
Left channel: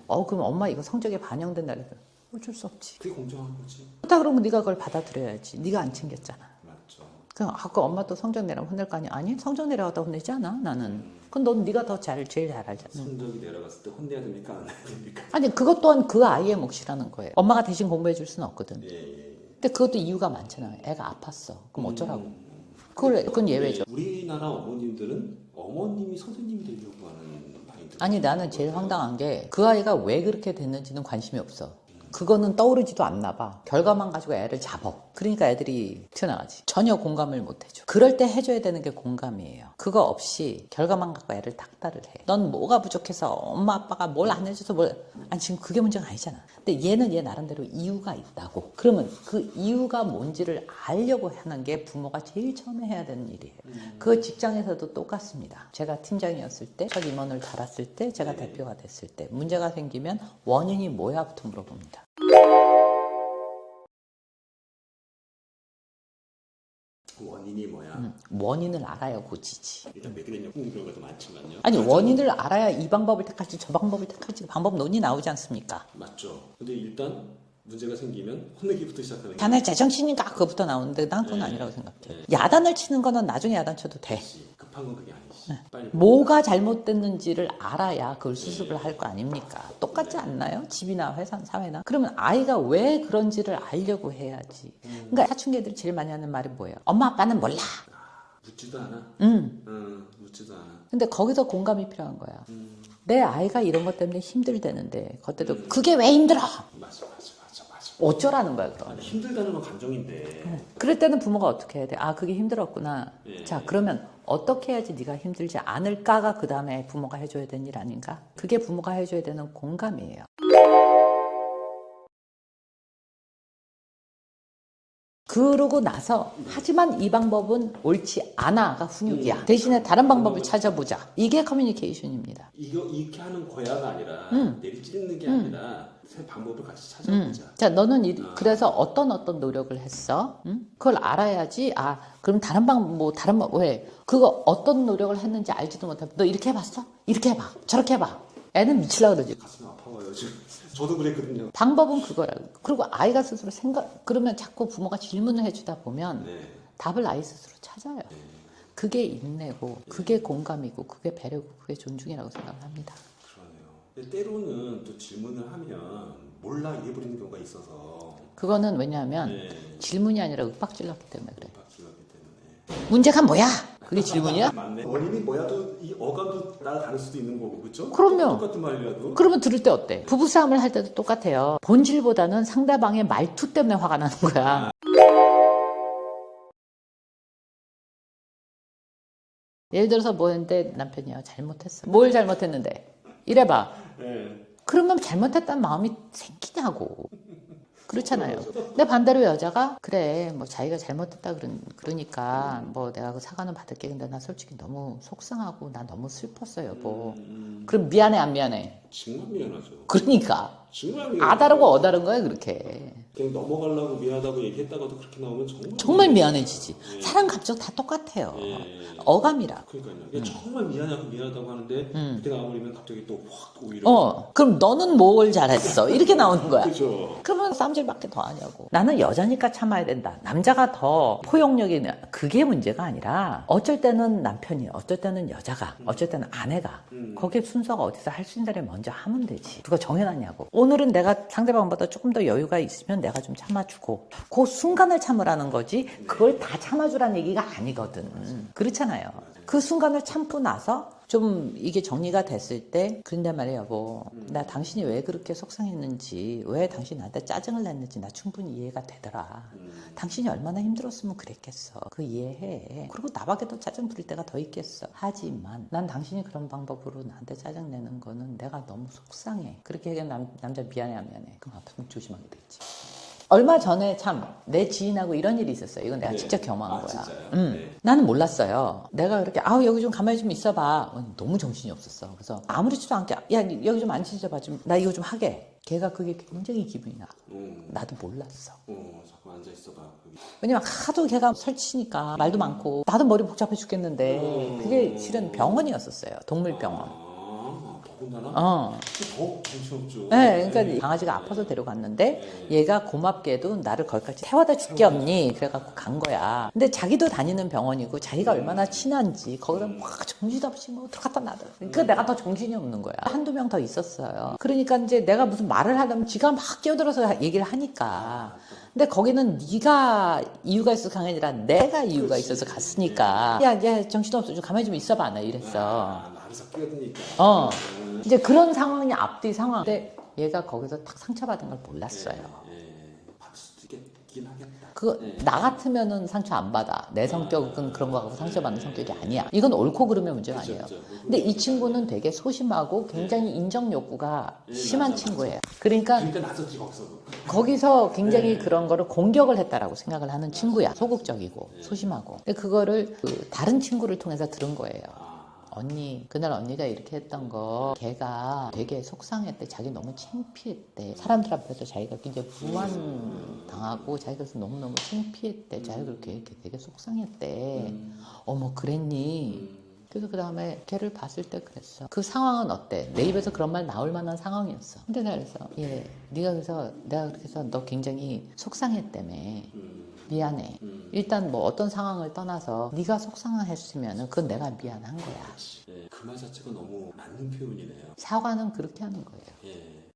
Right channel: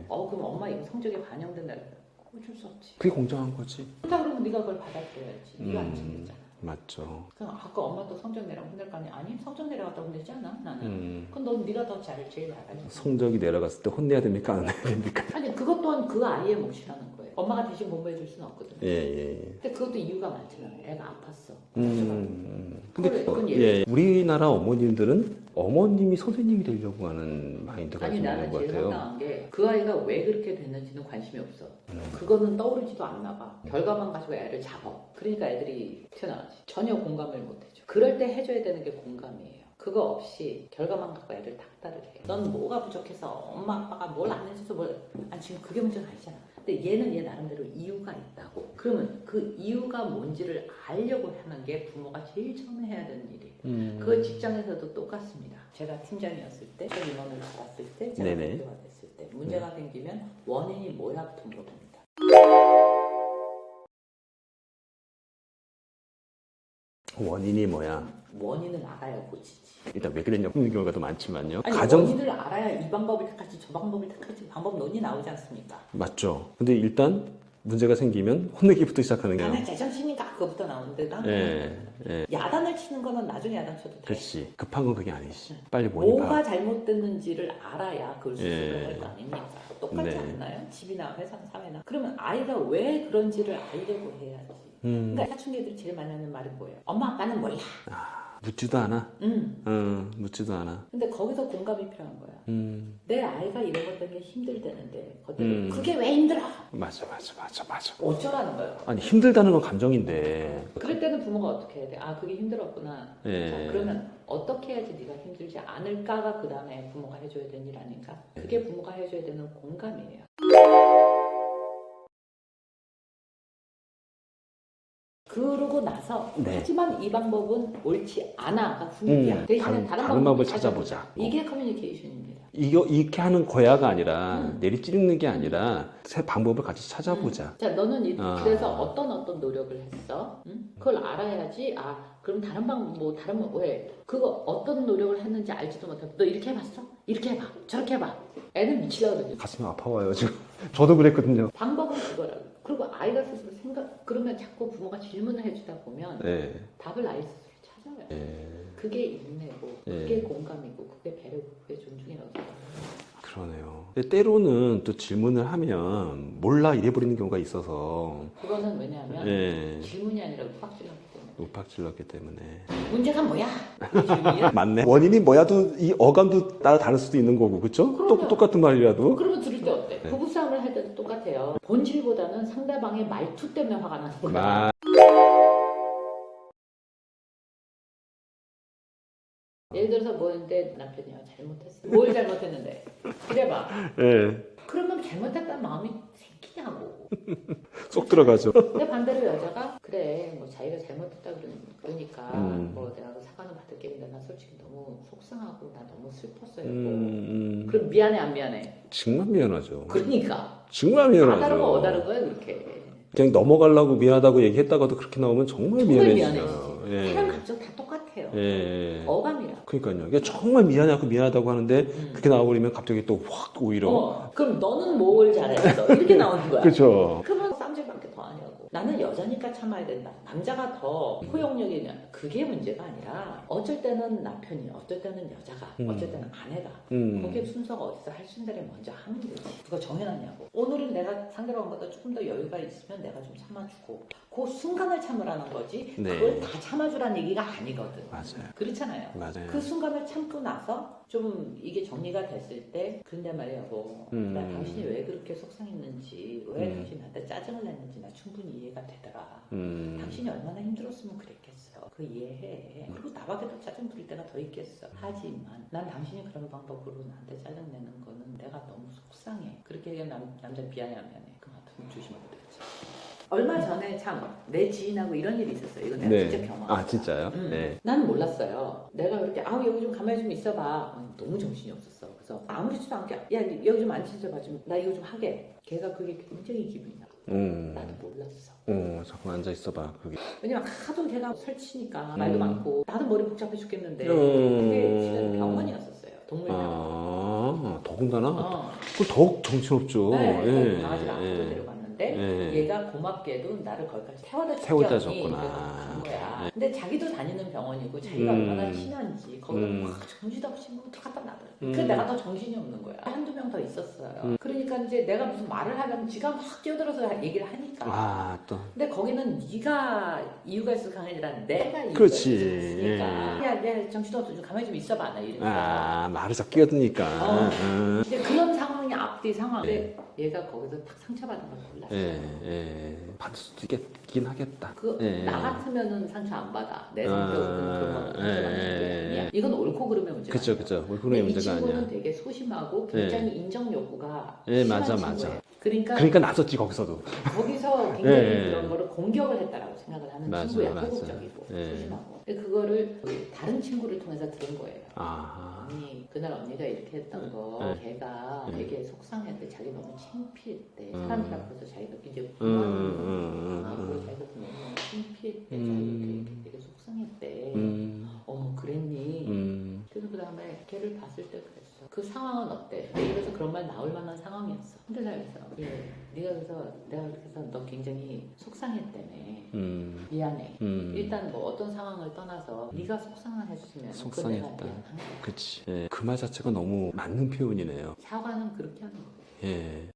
그럼 엄마 이거 성적에 반영된다 그래서 어쩔 수 없지. 그게 공정한 거지. 그렇다 그러면 네가 그걸 받아들여야지. 네가 안 챙겼잖아. 맞죠. 그냥 아까 엄마 또 성적 내라면 혼낼 거 아니야? 아니 성적 내려갔다 혼내지 않아 나는. 그럼 넌 네가 더 제일 잘 알잖아. 성적이 내려갔을 때 혼내야 됩니까 안 혼내야 됩니까? 아니 그것 또한 그 아이의 몫이라는 거예요. 엄마가 대신 공부해 줄 수는 없거든. 예. 근데 그것도 이유가 많잖아요. 애가 아팠어. 그럼 어쩌라고. 그건 예. 예외죠. 우리나라 어머님들은 어머님이 선생님이 되려고 하는 마인드가 아니 있는 나는 것 제일 같아요. 황당한 게 그 아이가 왜 그렇게 됐는지는 관심이 없어. 그거는 떠오르지도 않나 봐. 결과만 가지고 애를 잡어. 그러니까 애들이 튀어나가지. 전혀 공감을 못 해줘. 그럴 때 해줘야 되는 게 공감이에요. 그거 없이 결과만 갖고 애를 닥달을 해. 넌 뭐가 부족해서 엄마 아빠가 뭘 안 해줘서 아니 지금 그게 문제가 아니잖아. 근데 얘는 얘 나름대로 이유가 있다고. 그러면 그 이유가 뭔지를 알려고 하는 게 부모가 제일 처음에 해야 되는 일이에요. 그 직장에서도 똑같습니다. 제가 팀장이었을 때, 첫 임원을 달았을 때, 제가 네네. 대표가 됐을 때 문제가 생기면 원인이 뭐야부터 물어봅니다. 원인이 뭐야? 원인을 알아야 고치지. 일단 왜 그랬냐 묻는 경우가 더 많지만요. 아니 가정- 원인을 알아야 이 방법을 택할지 저 방법을 택할지 방법 논의 나오지 않습니까? 맞죠. 근데 일단 문제가 생기면 혼내기부터 시작하는 게 자네 제정신인가 그거부터 나오는데 난 그건 예, 아니라고 생각해요. 예. 야단을 치는 거는 나중에 야단 쳐도 돼. 됐지. 급한 건 그게 아니지. 빨리 뭐가 잘못됐는지를 알아야 그걸 수습을 예. 할 거 아닙니까? 똑같지 네. 않나요? 집이나 회사, 사회나? 그러면 아이가 왜 그런지를 알려고 해야지. 그러니까 사춘기 애들이 제일 많이 하는 말이 뭐예요? 엄마 아빠는 몰라. 묻지도 않아. 묻지도 않아. 근데 거기서 공감이 필요한 거야. 내 아이가 이런 것 때문에 힘들다는데 그때도 그게 왜 힘들어? 맞아. 어쩌라는 거예요. 아니 힘들다는 건 감정인데. 그럴 때는 부모가 어떻게 해야 돼? 아 그게 힘들었구나. 예. 자 그러면 어떻게 해야지 네가 힘들지 않을까가 그 다음에 부모가 해줘야 되는 일 아닌가? 그게 부모가 해줘야 되는 공감이에요. 그러고 나서 하지만 이 방법은 옳지 않아가 훈육이야. 대신에 다른 방법을 찾아보자. 이게 커뮤니케이션입니다. 이렇게 하는 거야가 아니라 내리찌르는 게 아니라 새 방법을 같이 찾아보자. 자, 너는 그래서 어떤 노력을 했어? 그걸 알아야지. 아, 그럼 다른 왜? 그거 어떤 노력을 했는지 알지도 못하고 너 이렇게 해봤어? 이렇게 해봐. 저렇게 해봐. 애는 미치려고 그러지. 가슴이 아파와요 지금. 저도 그랬거든요. 방법은 그거라고. 그리고 아이가 스스로 그러면 자꾸 부모가 질문을 해주다 보면 네. 답을 아이 스스로 찾아요. 네. 그게 인내고, 그게 공감이고, 그게 배려고, 그게 존중이라고 생각합니다. 그러네요. 근데 때로는 또 질문을 하면 몰라 이래버리는 경우가 있어서. 그거는 왜냐하면 네. 질문이 아니라 윽박질렀기 때문에. 높아질렀기 때문에. 문제가 뭐야? 그게 질문이야? 맞네. 원인이 뭐야도 이 어감도 따라 다를 수도 있는 거고, 그렇죠? 그럼요. 똑같은 말이라도. 그러면 들을 때 어때? 부부싸움을 할 때도 똑같아요. 본질보다는 상대방의 말투 때문에 화가 나는 거야. 예를 들어서 뭐 했는데 남편이요. 잘못했어. 뭘 잘못했는데? 이래봐. 네. 그러면 잘못했다는 마음이 생기냐고. 쏙 들어가죠. 근데 반대로 여자가 그래 뭐 자기가 잘못했다 그러니까 뭐 내가 그 사과는 받을게. 근데 나 솔직히 너무 속상하고 나 너무 슬펐어 여보. 그럼 미안해 안 미안해? 정말 미안하죠. 그러니까 정말 미안하죠. 아다르고 어다른 거야 그렇게. 그냥 넘어가려고 미안하다고 얘기했다가도 그렇게 나오면 정말 미안해지죠. 미안해지지. 예. 사람 감정 다 똑같아요. 예. 어감이라. 그러니까요. 이게 정말 미안하고 미안하다고 하는데 그렇게 나와버리면 갑자기 또 확 오히려. 그럼 너는 뭘 잘했어? 이렇게 나오는 거야. 그렇죠. 그러면 싸움질밖에 더 하냐고. 나는 여자니까 참아야 된다. 남자가 더 포용력이 있는 그게 문제가 아니라 어쩔 때는 남편이, 어쩔 때는 여자가, 어쩔 때는 아내가 거기에 순서가 어디서 할 수 있는 대로 먼저 하면 되지. 누가 정해놨냐고. 오늘은 내가 상대방보다 조금 더 여유가 있으면 내가 좀 참아주고 그 순간을 참으라는 거지. 네. 그걸 다 참아주라는 얘기가 아니거든. 맞아요. 그렇잖아요. 맞아요. 그 순간을 참고 나서 좀 이게 정리가 됐을 때 그런데 말이야 여보 나 당신이 왜 그렇게 속상했는지 왜 당신이 나한테 짜증을 냈는지 나 충분히 이해가 되더라. 당신이 얼마나 힘들었으면 그랬겠어. 그 이해해. 그리고 나밖에 더 짜증 부릴 때가 더 있겠어. 하지만 난 당신이 그런 방법으로 나한테 짜증 내는 거는 내가 너무 속상해. 그렇게 얘기하면 남자 미안해 안 미안해. 그럼 앞으로 조심하면 되지. 얼마 전에 참 내 지인하고 이런 일이 있었어요. 이건 내가 네. 직접 경험한 거야. 진짜요? 네. 나는 몰랐어요. 내가 그렇게 여기 좀 가만히 좀 있어봐. 너무 정신이 없었어. 그래서 아무렇지도 않게 야 여기 좀 앉아 있어봐. 나 이거 좀 하게. 걔가 그게 굉장히 기분이 나. 나도 몰랐어. 잠깐 앉아 있어봐. 그게. 왜냐면 하도 걔가 설치니까 말도 많고 나도 머리 복잡해 죽겠는데 그게 실은 병원이었었어요. 동물병원. 더군다나? 그 더욱 정신없죠. 네, 그러니까 예. 강아지가 아파서 데려갔는데 예. 얘가 고맙게도 나를 거기까지 태워다 줄게 태워다 없니? 줬구나. 그래갖고 간 거야. 근데 자기도 다니는 병원이고 자기가 얼마나 친한지 거기를 막 정신없이 뭐 들어갔다 나더라. 그 내가 더 정신이 없는 거야. 한두 명 더 있었어요. 그러니까 이제 내가 무슨 말을 하려면 지가 막 끼어들어서 얘기를 하니까. 또. 근데 거기는 네가 이유가 있어서 간 게 아니라 내가 이유가 그렇지. 있어서 갔으니까. 야 정신없어. 좀 가만히 좀 있어봐. 나 이랬어. 말을 자 끼어드니까. 이제 그런 상황이 앞뒤 상황. 근데 얘가 거기서 딱 상처받은 걸 몰랐어요. 받을 수도 있긴 하겠다. 나 같으면은 상처 안 받아. 내 성격은 그런 거 갖고 상처받는 성격이 아니야. 이건 옳고 그름의 문제가 그쵸, 아니에요. 그쵸. 옳고 근데 그름의 이 문제가 친구는 아니야. 되게 소심하고 굉장히 인정 욕구가 심한 맞아, 친구예요. 맞아. 그러니까 나섰지 거기서도. 거기서 굉장히 그런 거를 공격을 했다라고 생각을 하는 맞아, 친구야. 맞아. 소극적이고 소심하고. 근데 그거를 다른 친구를 통해서 들은 거예요. 아. 언니 그날 언니가 이렇게 했던 거 걔가 되게 속상했대. 자기 너무 창피했대. 사람들 앞에서 자기가 굉장히 불만당하고 자기가 그래서 너무너무 창피했대. 자기가 되게 속상했대. 어머 그랬니? 그래서 그 다음에 걔를 봤을 때 그랬어. 그 상황은 어때? 내 입에서 그런 말 나올 만한 상황이었어. 근데 내가 그래서 네가 그래서 내가 그렇게 해서 너 굉장히 속상했다며. 미안해. 일단 뭐 어떤 상황을 떠나서 네가 속상했으면 그건 내가 미안한 거야. 그치. 그 말 자체가 너무 맞는 표현이네요. 사과는 그렇게 하는 거예요. 예.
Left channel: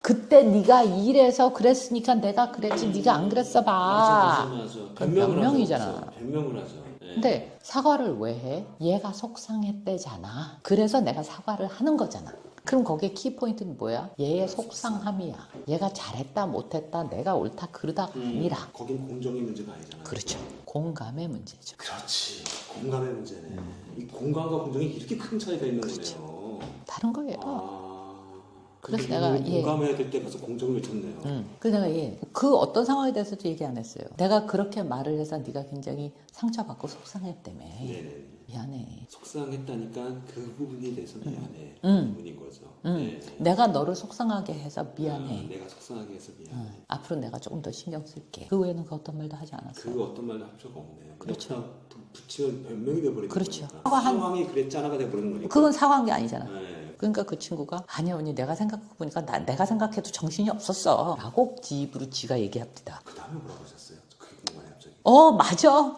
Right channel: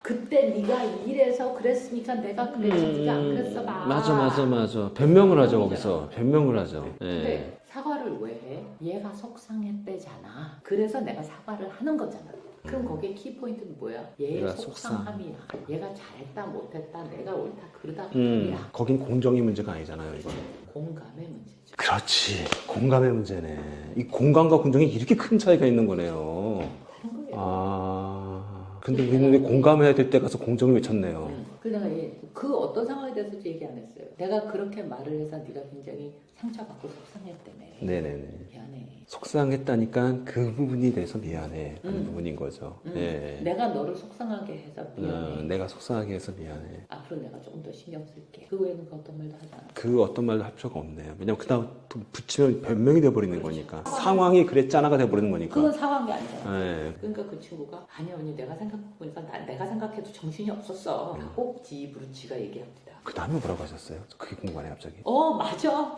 그때 네가 이래서 그랬으니까 내가 그랬지. 네가 안 그랬어 봐. 맞아. 변명을 하죠. 변명이잖아. 거기서. 변명을 하죠. 근데 사과를 왜 해? 얘가 속상했대잖아. 그래서 내가 사과를 하는 거잖아. 그럼 거기에 키포인트는 뭐야? 얘의 얘가 속상함이야. 얘가 잘했다 못했다 내가 옳다 그르다 아니라. 거긴 공정의 문제가 아니잖아요. 그렇죠. 공감의 문제죠. 그렇지. 공감의 문제네. 이 공감과 공정이 이렇게 큰 차이가 있는 거네요. 다른 거예요. 근데 그래서 우리는 내가, 공감해야 될 때 가서 공정을 외쳤네요. 그래서 그 어떤 상황에 대해서도 얘기 안 했어요. 내가 그렇게 말을 해서 네가 굉장히 상처받고 속상했다며. 네네네. 미안해. 속상했다니까 그 부분에 대해서 미안해. 그 부분인 거죠. 네. 내가 너를 속상하게 해서 미안해. 내가 속상하게 해서 미안해. 앞으로 내가 조금 더 신경 쓸게. 그 외에는 그 어떤 말도 하지 않았어. 그 어떤 말도 할 필요가 없네요. 왜냐면 그다음 또 붙이면 변명이 돼버리는 그렇죠. 거니까. 상황이 그랬잖아가 돼버리는 거니까. 그건 사과한 게 아니잖아. 네. 그러니까 그 친구가 아니야 언니 내가 생각해보니까 내가 생각해도 정신이 없었어 라고 지 입으로 지가 얘기합니다. 그 다음에 뭐라고 하셨어요? 그게 궁금하네 갑자기. 맞아.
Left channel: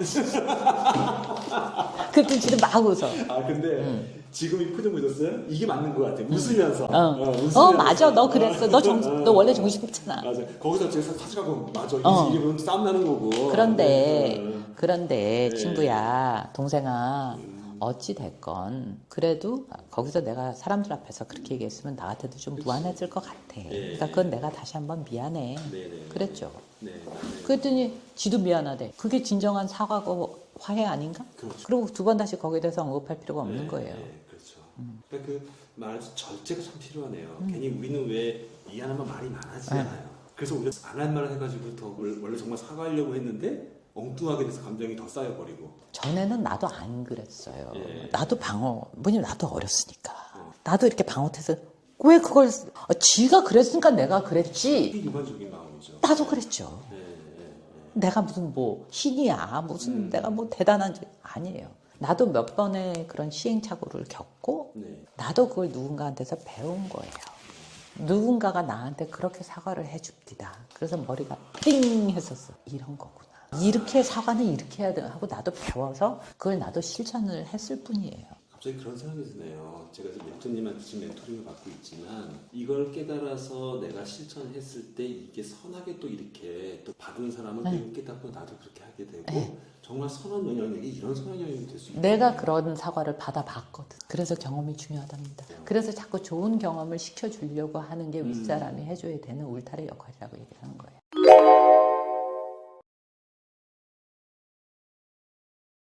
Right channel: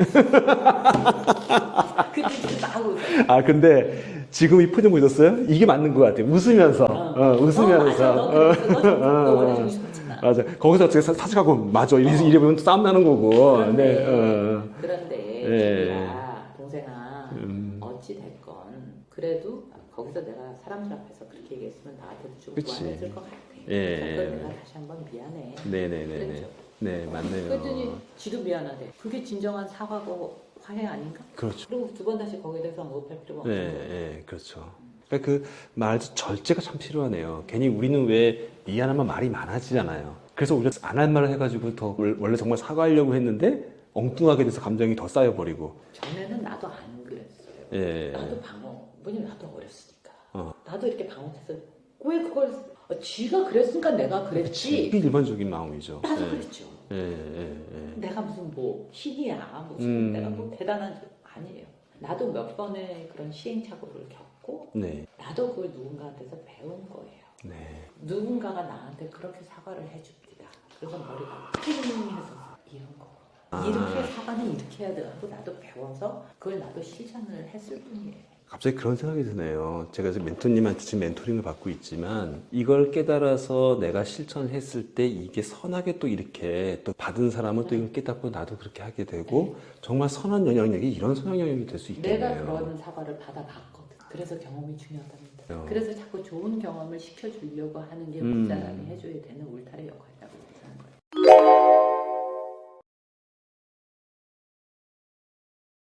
그때 진짜 막 웃어요. 아 근데 지금 이 표정 보셨어요? 이게 맞는 것 같아요. 웃으면서. 웃으면서. 맞아 너 그랬어. 너 원래 정신없잖아. 맞아. 거기서 어떻게 사직하고 맞아. 이러면 싸움 나는 거고. 그런데 네. 친구야 동생아 어찌 됐건 그래도 거기서 내가 사람들 앞에서 그렇게 얘기했으면 나한테도 좀 그치. 무안해질 것 같아. 예. 그러니까 그건 내가 다시 한번 미안해. 네네네. 그랬죠. 네 맞네요. 그랬더니 지도 미안하대. 그게 진정한 사과고 화해 아닌가? 그렇죠. 그리고 두 번 다시 거기에 대해서 언급할 필요가 없는 거예요. 네, 그렇죠. 그러니까 그 말 절제가 참 필요하네요. 괜히 우리는 왜 미안하면 말이 많아지잖아요. 그래서 우리가 안 할 말을 해가지고 더 원래 정말 사과하려고 했는데 엉뚱하게 돼서 감정이 더 쌓여버리고. 전에는 나도 안 그랬어요. 예. 나도 뭐냐면 나도 어렸으니까. 나도 이렇게 방어태서 왜 그걸 지가 그랬으니까 내가 그랬지. 이게 일반적인 마음이죠. 나도 네. 그랬죠. 예. 내가 무슨 뭐 신이야 무슨 내가 뭐 대단한지 아니에요. 나도 몇 번의 그런 시행착오를 겪고 네. 나도 그걸 누군가한테서 배운 거예요. 누군가가 나한테 그렇게 사과를 해줍디다. 그래서 머리가 띵 했었어. 이런 거구나. 이렇게 사과는 이렇게 해야 돼 하고 나도 배워서 그걸 나도 실천을 했을 뿐이에요. 갑자기 그런 생각이 드네요. 제가 지금 멘토님한테 지금 멘토링을 받고 있지만 이걸 깨달아서 내가 실천했을 때 이게 선하게 또 이렇게 또 받은 사람은 또 이걸 깨닫고 나도 그렇게 하게 되고 정말 선한 영향력이 이런 선한 영향력이 될 수 있겠네요. 내가 그런 사과를 받아봤거든. 그래서 경험이 중요하답니다. 그래서 자꾸 좋은 경험을 시켜주려고 하는 게 윗사람이 해줘야 되는 울타리 역할이라고 얘기하는 거예요.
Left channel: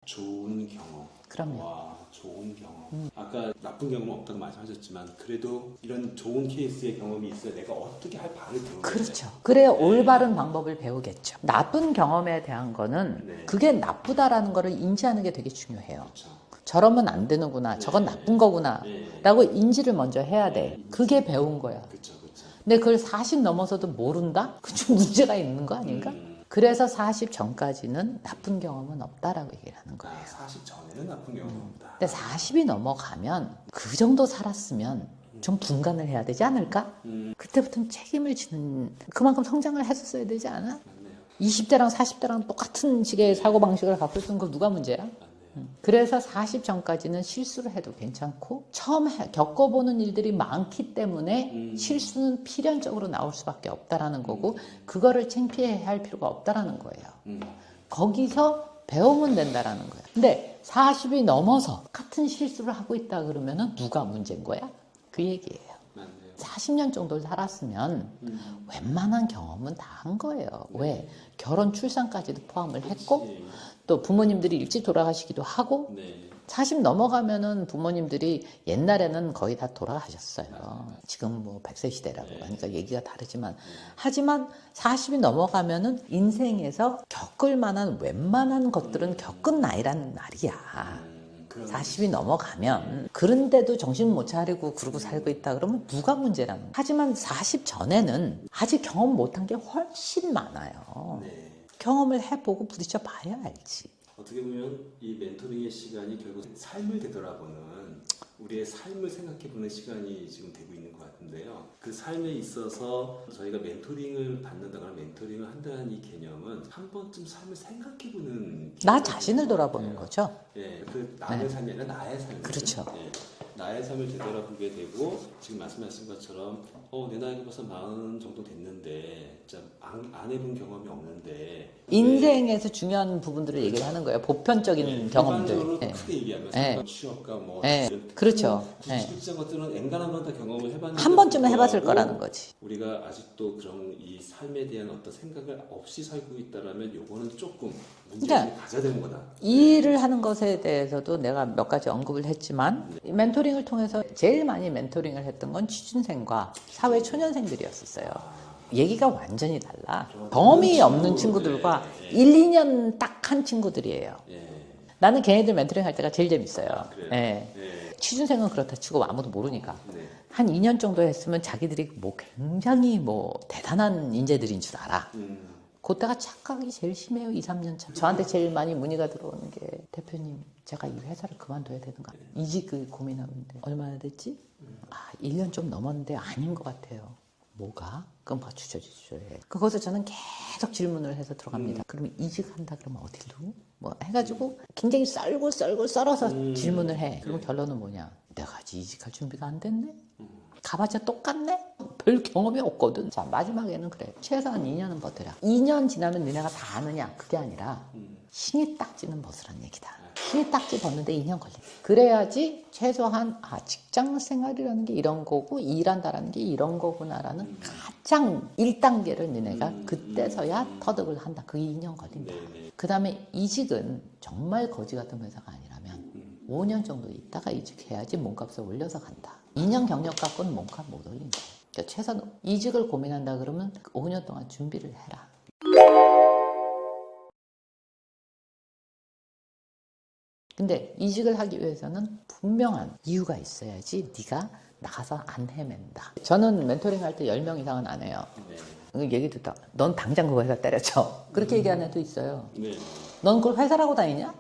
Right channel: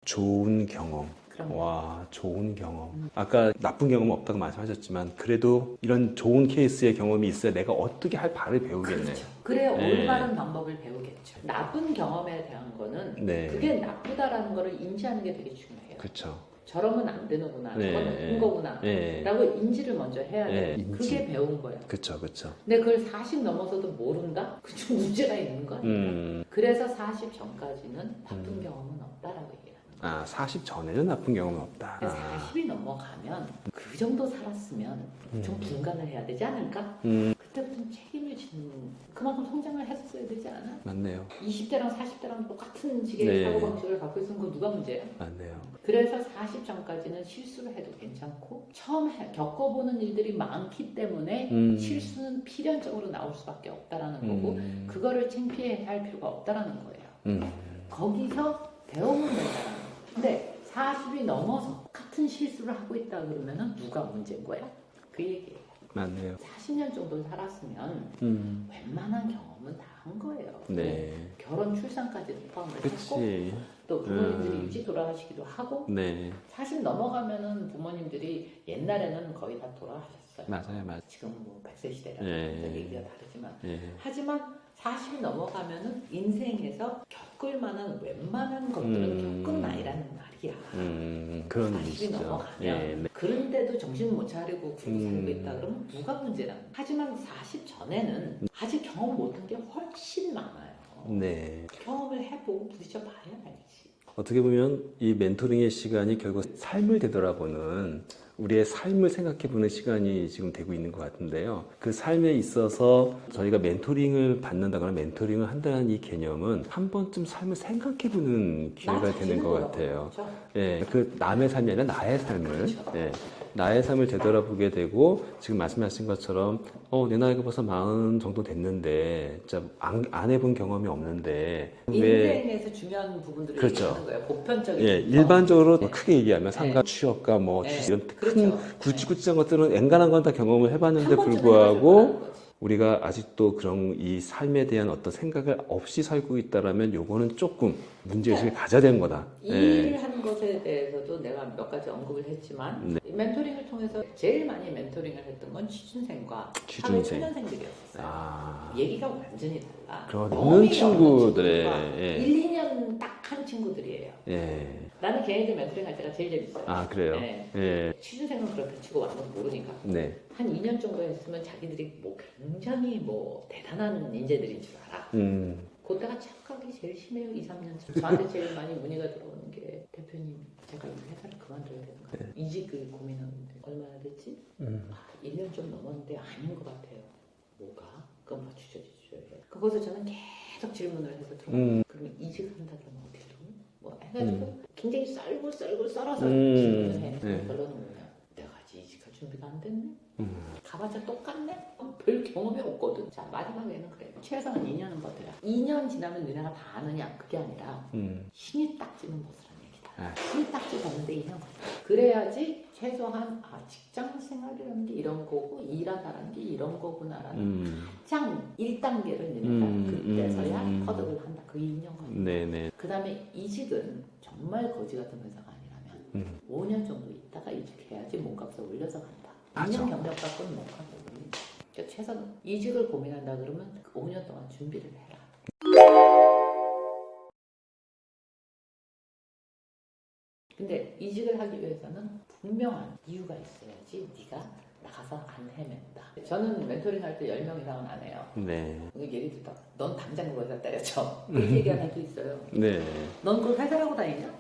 좋은 경험. 그럼요. 와, 좋은 경험. 아까 나쁜 경험은 없다고 말씀하셨지만 그래도 이런 좋은 케이스의 경험이 있어야 내가 어떻게 할 바를 배우겠네요. 그렇죠. 그래야 네. 올바른 방법을 배우겠죠. 나쁜 경험에 대한 거는 네. 그게 나쁘다라는 거를 인지하는 게 되게 중요해요. 그렇죠. 저러면 안 되는구나. 네. 저건 나쁜 거구나. 네. 라고 인지를 먼저 해야 돼. 네, 그게 배운 거야. 그렇죠, 그렇죠. 근데 그걸 40 넘어서도 모른다? 그 좀 문제가 있는 거 아닌가? 그래서 40 전까지는 나쁜 경험은 없다라고 얘기를 하는 거예요. 아, 40 전에는 나쁜 경험은 없다. 근데 40이 넘어가면 그 정도 살았으면 좀 분간을 해야 되지 않을까? 그때부터는 책임을 지는 그만큼 성장을 했었어야 되지 않아? 맞네요. 20대랑 40대랑 똑같은 식의 네. 사고방식을 갖고 있던 거 누가 문제야? 맞네요. 그래서 40 전까지는 실수를 해도 괜찮고 처음 겪어보는 일들이 많기 때문에 실수는 필연적으로 나올 수밖에 없다라는 거고 그거를 창피해 할 필요가 없다라는 거예요. 거기서 배우면 된다라는 거예요. 근데 40이 넘어서 같은 실수를 하고 있다 그러면은 누가 문제인 거야? 그 얘기예요. 맞네요. 40년 정도 살았으면 웬만한 경험은 다 한 거예요. 네. 왜? 결혼, 출산까지도 포함을 그치. 했고 또 부모님들이 일찍 돌아가시기도 하고 네. 40 넘어가면은 부모님들이 옛날에는 거의 다 돌아가셨어요. 맞아요. 지금 뭐 100세 시대라고 네. 하면서 얘기가 다르지만 네. 하지만 40이 넘어가면은 인생에서 겪을 만한 웬만한 것들은 겪은 나이라는 말이야. 그런 40이 의미죠. 넘어가면 네. 그런데도 정신 못 차리고 그러고 살고 있다 그러면 누가 문제라는 거야. 하지만 40 전에는 아직 경험 못한 게 훨씬 많아요. 네. 경험을 해보고 부딪혀 봐야 알지. 어떻게 보면 이 멘토링의 시간이 결국 삶을 되돌아보는 우리의 삶을 생각해보는 시간이 지금 되고 있는 것 같은데요. 그 삶에 있어서 저희가 멘토링을 받는다거나 멘토링을 한다는 이 개념은 한 번쯤 삶을 생각해보는 나 기회가 자신을 되는 것 돌아보는 같아요. 거죠. 예, 그 남의 삶이 아니라 나의 삶을. 그렇죠. 예, 나의 삶을 되돌아보게 되고 지금 말씀하신 것처럼 내 나이가 벌써 40 정도 됐는데 진짜 안 해본 경험이 없는데 왜 인생에서 중요한 부분들을 그렇죠. 얘기하는 거예요. 보편적인 예, 경험들. 일반적으로 예. 크게 얘기하면 상가 예. 취업과 뭐 예. 이런 그렇죠. 굵직굵직한 것들은 엔간한 건 다 경험을 해봤는데 한 번쯤은 해봤을 거라는 불구하고 거지. 우리가 아직도 그런 이 삶에 대한 어떤 생각을 없이 살고 있다라면 요거는 조금 문제의식을 가져야 되는 거다. 이 일을 하는 것에 대해서도 내가 몇 가지 언급을 했지만 멘토링을 통해서 제일 많이 멘토링을 했던 건 취준생과 사회 초년생들이었었어요. 얘기가 완전히 달라. 그런 경험이 없는 친구들의, 친구들과 예. 1, 2년 딱 한 친구들이에요. 예. 나는 걔네들 멘토링 할 때가 제일 재밌어요. 아, 그래요? 네. 예. 취준생은 그렇다 치고 아무도 모르니까. 네. 한 2년 정도 했으면 자기들이 뭐 굉장히 뭐 대단한 인재들인 줄 알아. 그때가 착각이 제일 심해요. 2, 3년 차. 저한테 제일 많이 문의가 들어오는 게 대표님 제가 이 회사를 그만둬야 되는가. 이직을 고민하는데 얼마나 됐지? 1년 좀 넘었는데 아닌 것 같아요. 뭐가? 그럼 뭐 주저해. 그것을 저는 계속 질문을 해서 들어갑니다. 그러면 이직한다 그러면 어디로? 뭐 해가지고 굉장히 썰어서 질문을 해. 그럼 결론은 뭐냐? 내가 아직 이직할 준비가 안 됐네? 가봤자 똑같네? 별 경험이 없거든. 자, 마지막에는 그래. 최소한 2년은 버텨라. 2년 지나면 너네가 다 아느냐? 그게 아니라 신이 딱지는 벗으란 얘기다. 신이 딱지 벗는데 2년 걸린다. 그래야지 최소한 직장 생활이라는 게 이런 거고 일한다라는 게 이런 거구나라는 가장 1단계를 너네가 그때서야 터득을 한다. 그게 2년 걸린다. 네네. 그 다음에 이직은 정말 거지 같은 회사가 아니라면 5년 정도 있다가 이직해야지 몸값을 올려서 간다. 2년 경력 갖고는 몸값 못 올린다. 그러니까 최소한 이직을 고민한다 그러면 5년 동안 준비를 해라. 근데 이직을 하기 위해서는 분명한 이유가 있어야지 네가 나가서 안 헤맨다. 저는 멘토링 할 때 10명 이상은 안 해요. 네. 얘기 듣다 넌 당장 그 회사 때려쳐. 그렇게 얘기하는 애도 있어요. 네. 넌 그걸 회사라고 다니냐?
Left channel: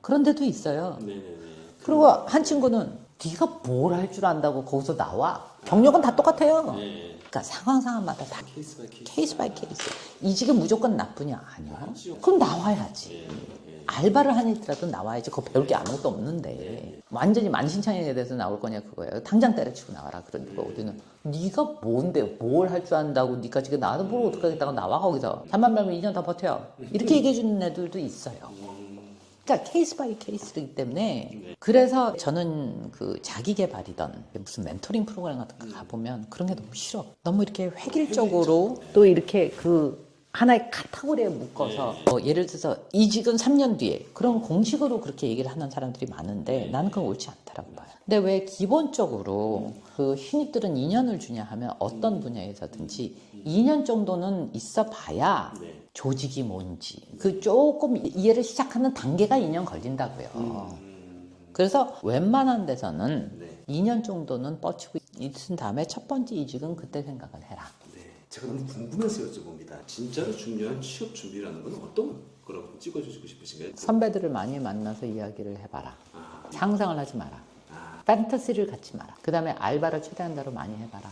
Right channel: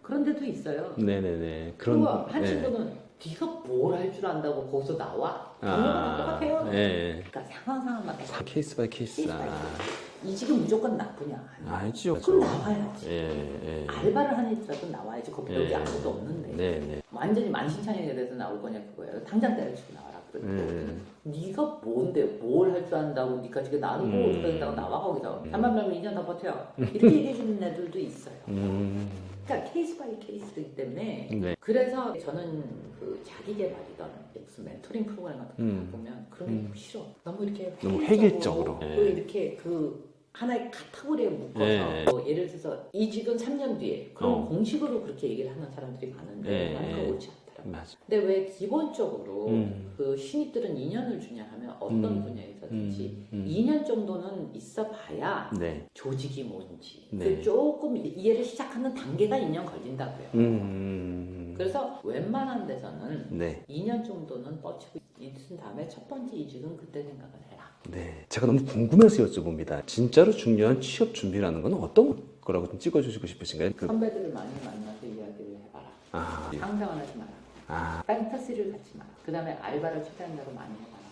그런 데도 있어요. 네네네. 그리고 한 친구는 네가 뭘 할 줄 안다고 거기서 나와? 경력은 다 똑같아요. 네. 그러니까 상황마다 다 케이스 바이 케이스. 케이스 바이 케이스. 이직은 무조건 나쁘냐? 아니야. 아니죠. 그럼 나와야지. 예. 알바를 하니라도 나와야지. 그거 배울 게 아무것도 없는데. 네. 완전히 만신창이에 대해서 나올 거냐 그거예요. 당장 때려치고 나와라. 그러니까 우리는 네가 뭔데 뭘 할 줄 안다고 네가 지금 나와도 뭘 어떻게 하겠다고 나와 거기서. 잠만 말면 2년 더 버텨. 이렇게 얘기해 주는 애들도 있어요. 그러니까 케이스 바이 케이스이기 때문에 네. 그래서 저는 그 자기 개발이던 무슨 멘토링 프로그램 같은 거 가보면 그런 게 너무 싫어. 너무 이렇게 획일적으로 네. 또 이렇게 그 하나의 카테고리에 묶어서 네. 예를 들어서 이직은 3년 뒤에 그런 공식으로 그렇게 얘기를 하는 사람들이 많은데 네. 나는 그건 옳지 않더라고요. 맞아. 근데 왜 기본적으로 그 신입들은 2년을 주냐 하면 어떤 분야에서든지 2년 정도는 있어 봐야 네. 조직이 뭔지 네. 그 조금 이해를 시작하는 단계가 2년 걸린다고요. 그래서 웬만한 데서는 네. 2년 정도는 뻗치고 있은 다음에 첫 번째 이직은 그때 생각을 해라. 네. 제가 너무 궁금해서 여쭤봅니다. 진짜로 중요한 취업 준비라는 건 어떤 거라고 좀 찍어주시고 싶으신가요? 선배들을 많이 만나서 이야기를 해봐라. 상상을 하지 마라. 판타지를 갖지 마라. 그 다음에 알바를 최대한 대로 많이 해봐라.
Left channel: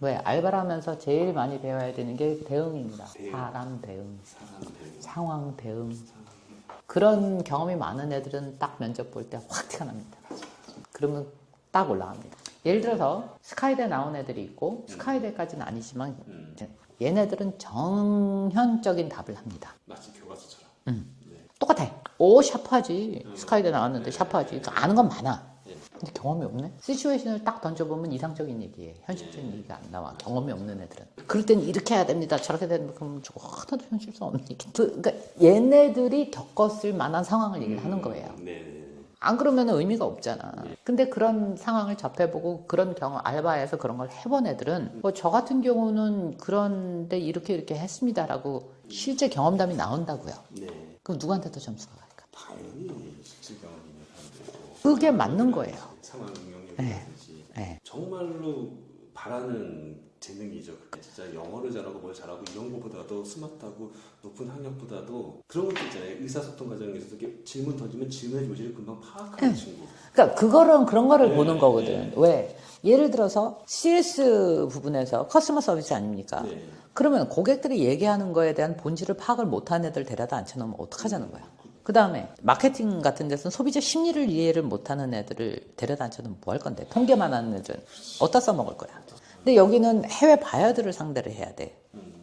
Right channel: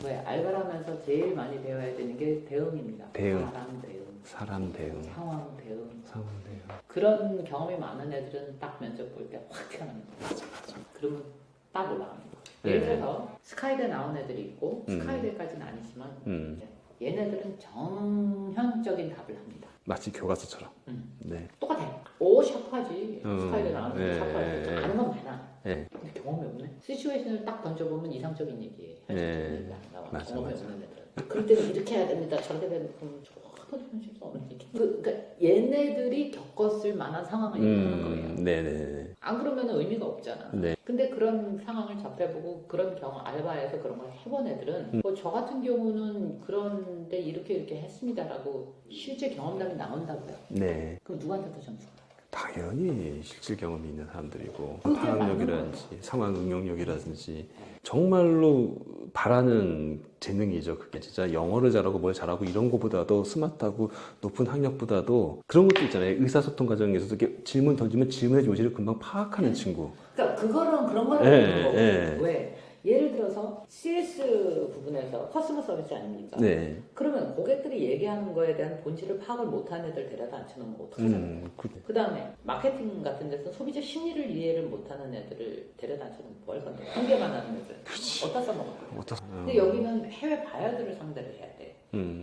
왜 알바를 하면서 제일 많이 배워야 되는 게 대응입니다. 대응. 사람 대응, 사람 대응. 상황 대응. 그런 경험이 많은 애들은 딱 면접 볼 때 확 티가 납니다. 그러면 딱 올라갑니다. 예를 들어서 스카이대 나온 애들이 있고 스카이대까지는 아니지만 얘네들은 정현적인 답을 합니다. 마치 교과서처럼. 네. 똑같아. 오 샤프하지. 스카이대 나왔는데 네, 샤프하지. 그러니까 아는 건 많아. 네. 근데 경험이 없네. 시츄에이션을 딱 던져보면 이상적인 얘기예요. 현실적인 네. 얘기가 안 나와. 맞아, 경험이 맞아. 없는 애들은. 그럴 때는 이렇게 해야 됩니다. 저렇게 되는 그럼 하나도 현실성 없는 얘기. 그러니까 얘네들이 겪었을 만한 상황을 얘기하는 거예요. 네네. 안 그러면 의미가 없잖아. 네. 근데 그런 상황을 접해보고 그런 경험 알바에서 그런 걸 해본 애들은 뭐 저 같은 경우는 그런데 이렇게 했습니다라고 실제 경험담이 나온다고요. 네. 그럼 누구한테 더 점수가 갈까? 당연히 실질 경험이 있는 사람들이고 그게 맞는 상황력이라든지, 거예요. 상황 응용력이라든지 네. 정말로 바라는 재능이죠. 그게 진짜 영어를 잘하고 뭘 잘하고 이런 거보다도 스마트하고 높은 학력보다도 그런 것도 있잖아요. 의사소통 과정에서도 이렇게 질문 던지면 질문의 요지를 금방 파악하는 친구. 그러니까 그런 거를 네, 보는 거거든. 네. 왜? 예를 들어서 CS 부분에서 커스터머 서비스 아닙니까? 네. 그러면 고객들이 얘기하는 거에 대한 본질을 파악을 못하는 애들 데려다 앉혀놓으면 어떡하자는 거예요. 그- 그 다음에 마케팅 같은 데서는 소비자 심리를 이해를 못하는 애들을 데려다 앉혀놓으면 뭐 할 건데? 통계만 하는 애들 어디다 써먹을 거야. 근데 여기는 해외 바이어들을 상대를 해야 돼.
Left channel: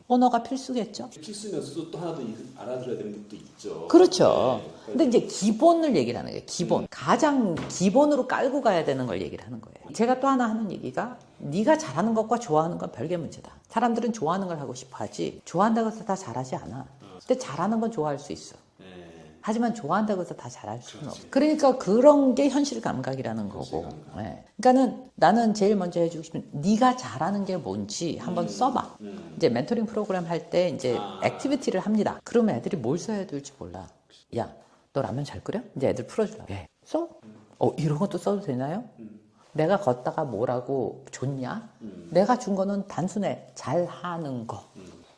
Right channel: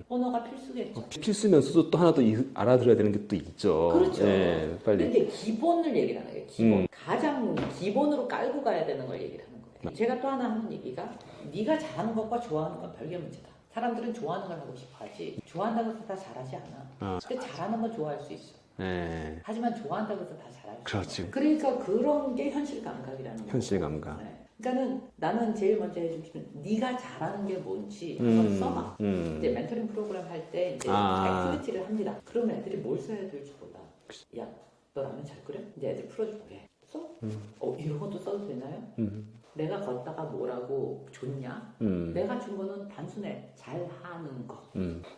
언어가 필수겠죠. 필수면서도 또 하나 더 알아들어야 되는 게 또 있죠. 그렇죠. 네, 빨리. 근데 이제 기본을 얘기를 하는 거예요. 기본. 가장 기본으로 깔고 가야 되는 걸 얘기를 하는 거예요. 제가 또 하나 하는 얘기가 네가 잘하는 것과 좋아하는 건 별개 문제다. 사람들은 좋아하는 걸 하고 싶어 하지 좋아한다고 해서 다 잘하지 않아. 근데 잘하는 건 좋아할 수 있어. 네. 하지만 좋아한다고 해서 다 잘할 수는 그렇지. 없어. 그러니까 그런 게 현실 감각이라는 현실 거고. 감각. 네. 그러니까는 나는 제일 먼저 해주고 싶은 네가 잘하는 게 뭔지 한번 써봐. 이제 멘토링 프로그램 할 때 이제 액티비티를 합니다. 그러면 애들이 뭘 써야 될지 몰라. 야, 너 라면 잘 끓여? 이제 애들 풀어주라. 예. 써? 이런 것도 써도 되나요? 내가 걷다가 뭐라고 줬냐? 내가 준 거는 단순해. 잘하는 거.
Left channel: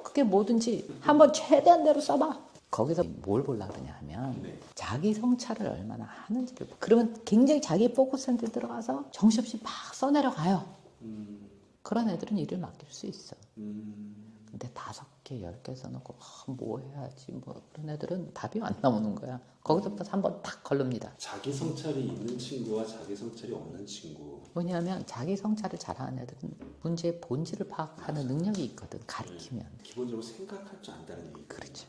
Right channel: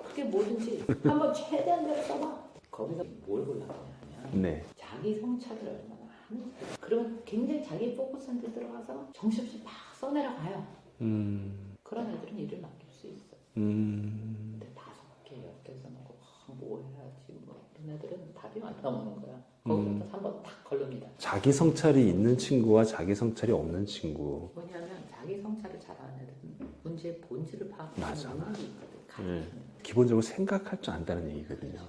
그게 뭐든지 한번 최대한 대로 써봐. 거기서 뭘 보려고 그러냐 하면 네. 자기 성찰을 얼마나 하는지를. 그러면 굉장히 자기 포커스 센터에 들어가서 정신없이 막 써내려가요. 그런 애들은 일을 맡길 수 있어. 근데 5개, 10개 써놓고 뭐 해야지 뭐 그런 애들은 답이 안 나오는 거야. 거기서부터 한번 탁 걸릅니다. 자기 성찰이 있는 친구와 자기 성찰이 없는 친구. 왜냐하면 자기 성찰을 잘하는 애들은 문제의 본질을 파악하는 능력이 있거든. 가르치면. 기본적으로 생각할 줄 안다는 얘기거든요. 그렇지.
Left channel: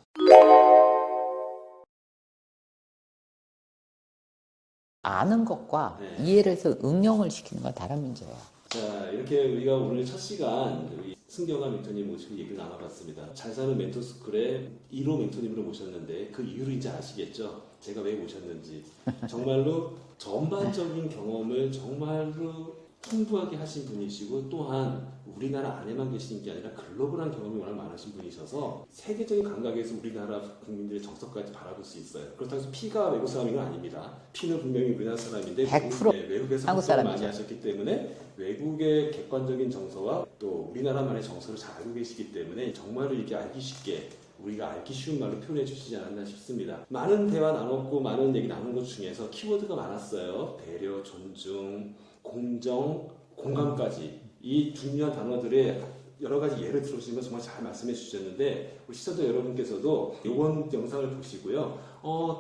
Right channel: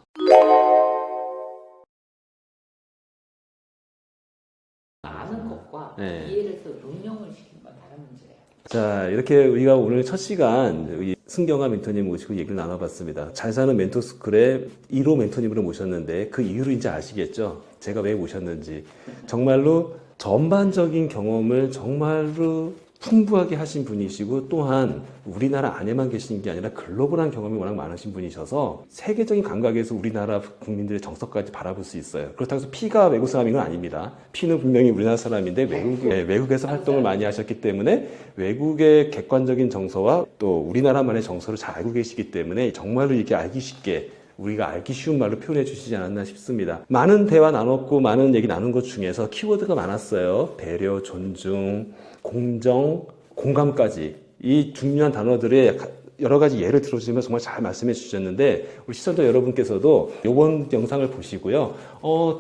아는 것과 네. 이해를 해서 응용을 시키는 건 다른 문제예요. 자, 이렇게 우리가 오늘 첫 시간 우리 승경아 멘토님 모시고 얘기를 나눠봤습니다. 잘 사는 멘토스쿨의 1호 멘토님으로 모셨는데 그 이유를 이제 아시겠죠? 제가 왜 모셨는지. 정말로 전반적인 경험을 정말로 풍부하게 하신 분이시고 또한 우리나라 안에만 계시는 게 아니라 글로벌한 경험이 워낙 많으신 분이셔서 세계적인 감각에서 우리나라 국민들의 정서까지 바라볼 수 있어요. 그렇다고 해서 피가 외국 사람인 건 아닙니다. 피는 분명히 우리나라 사람인데 외국에서 활동을 많이 하셨기 때문에 외국의 객관적인 정서와 또 우리나라만의 정서를 잘 알고 계시기 때문에 정말로 이렇게 알기 쉽게 우리가 알기 쉬운 말로 표현해 주시지 않았나 싶습니다. 많은 대화 나눴고 많은 얘기 나눈 것 중에서 키워드가 많았어요. 배려, 존중, 공정, 공감까지 이 중요한 단어들의 여러 가지 예를 들어주시면 정말 잘 말씀해 주셨는데 우리 시청자 여러분께서도 이번 영상을 보시고요.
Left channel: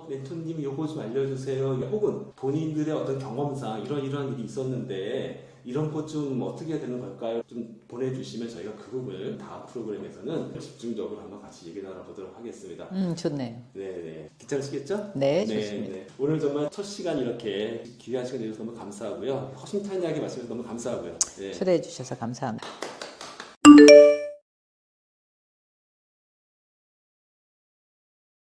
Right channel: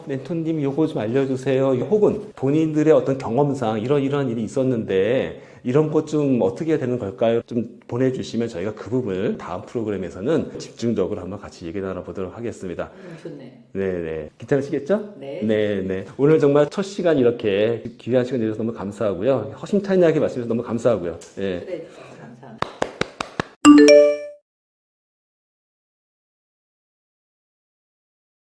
멘토님 요거 좀 알려주세요. 혹은 본인들의 어떤 경험상 이러이러한 일이 있었는데 이런 것 좀 어떻게 해야 되는 걸까요? 좀 보내주시면 저희가 그 부분을 다음 프로그램에서는 집중적으로 한번 같이 얘기 나눠보도록 하겠습니다. 좋네. 네네. 괜찮으시겠죠? 네, 네. 오늘 정말 첫 시간 이렇게 귀한 시간 내주셔서 너무 감사하고요. 허심탄회하게 말씀해주셔서 너무 감사하고요. 네. 초대해 주셔서 감사합니다.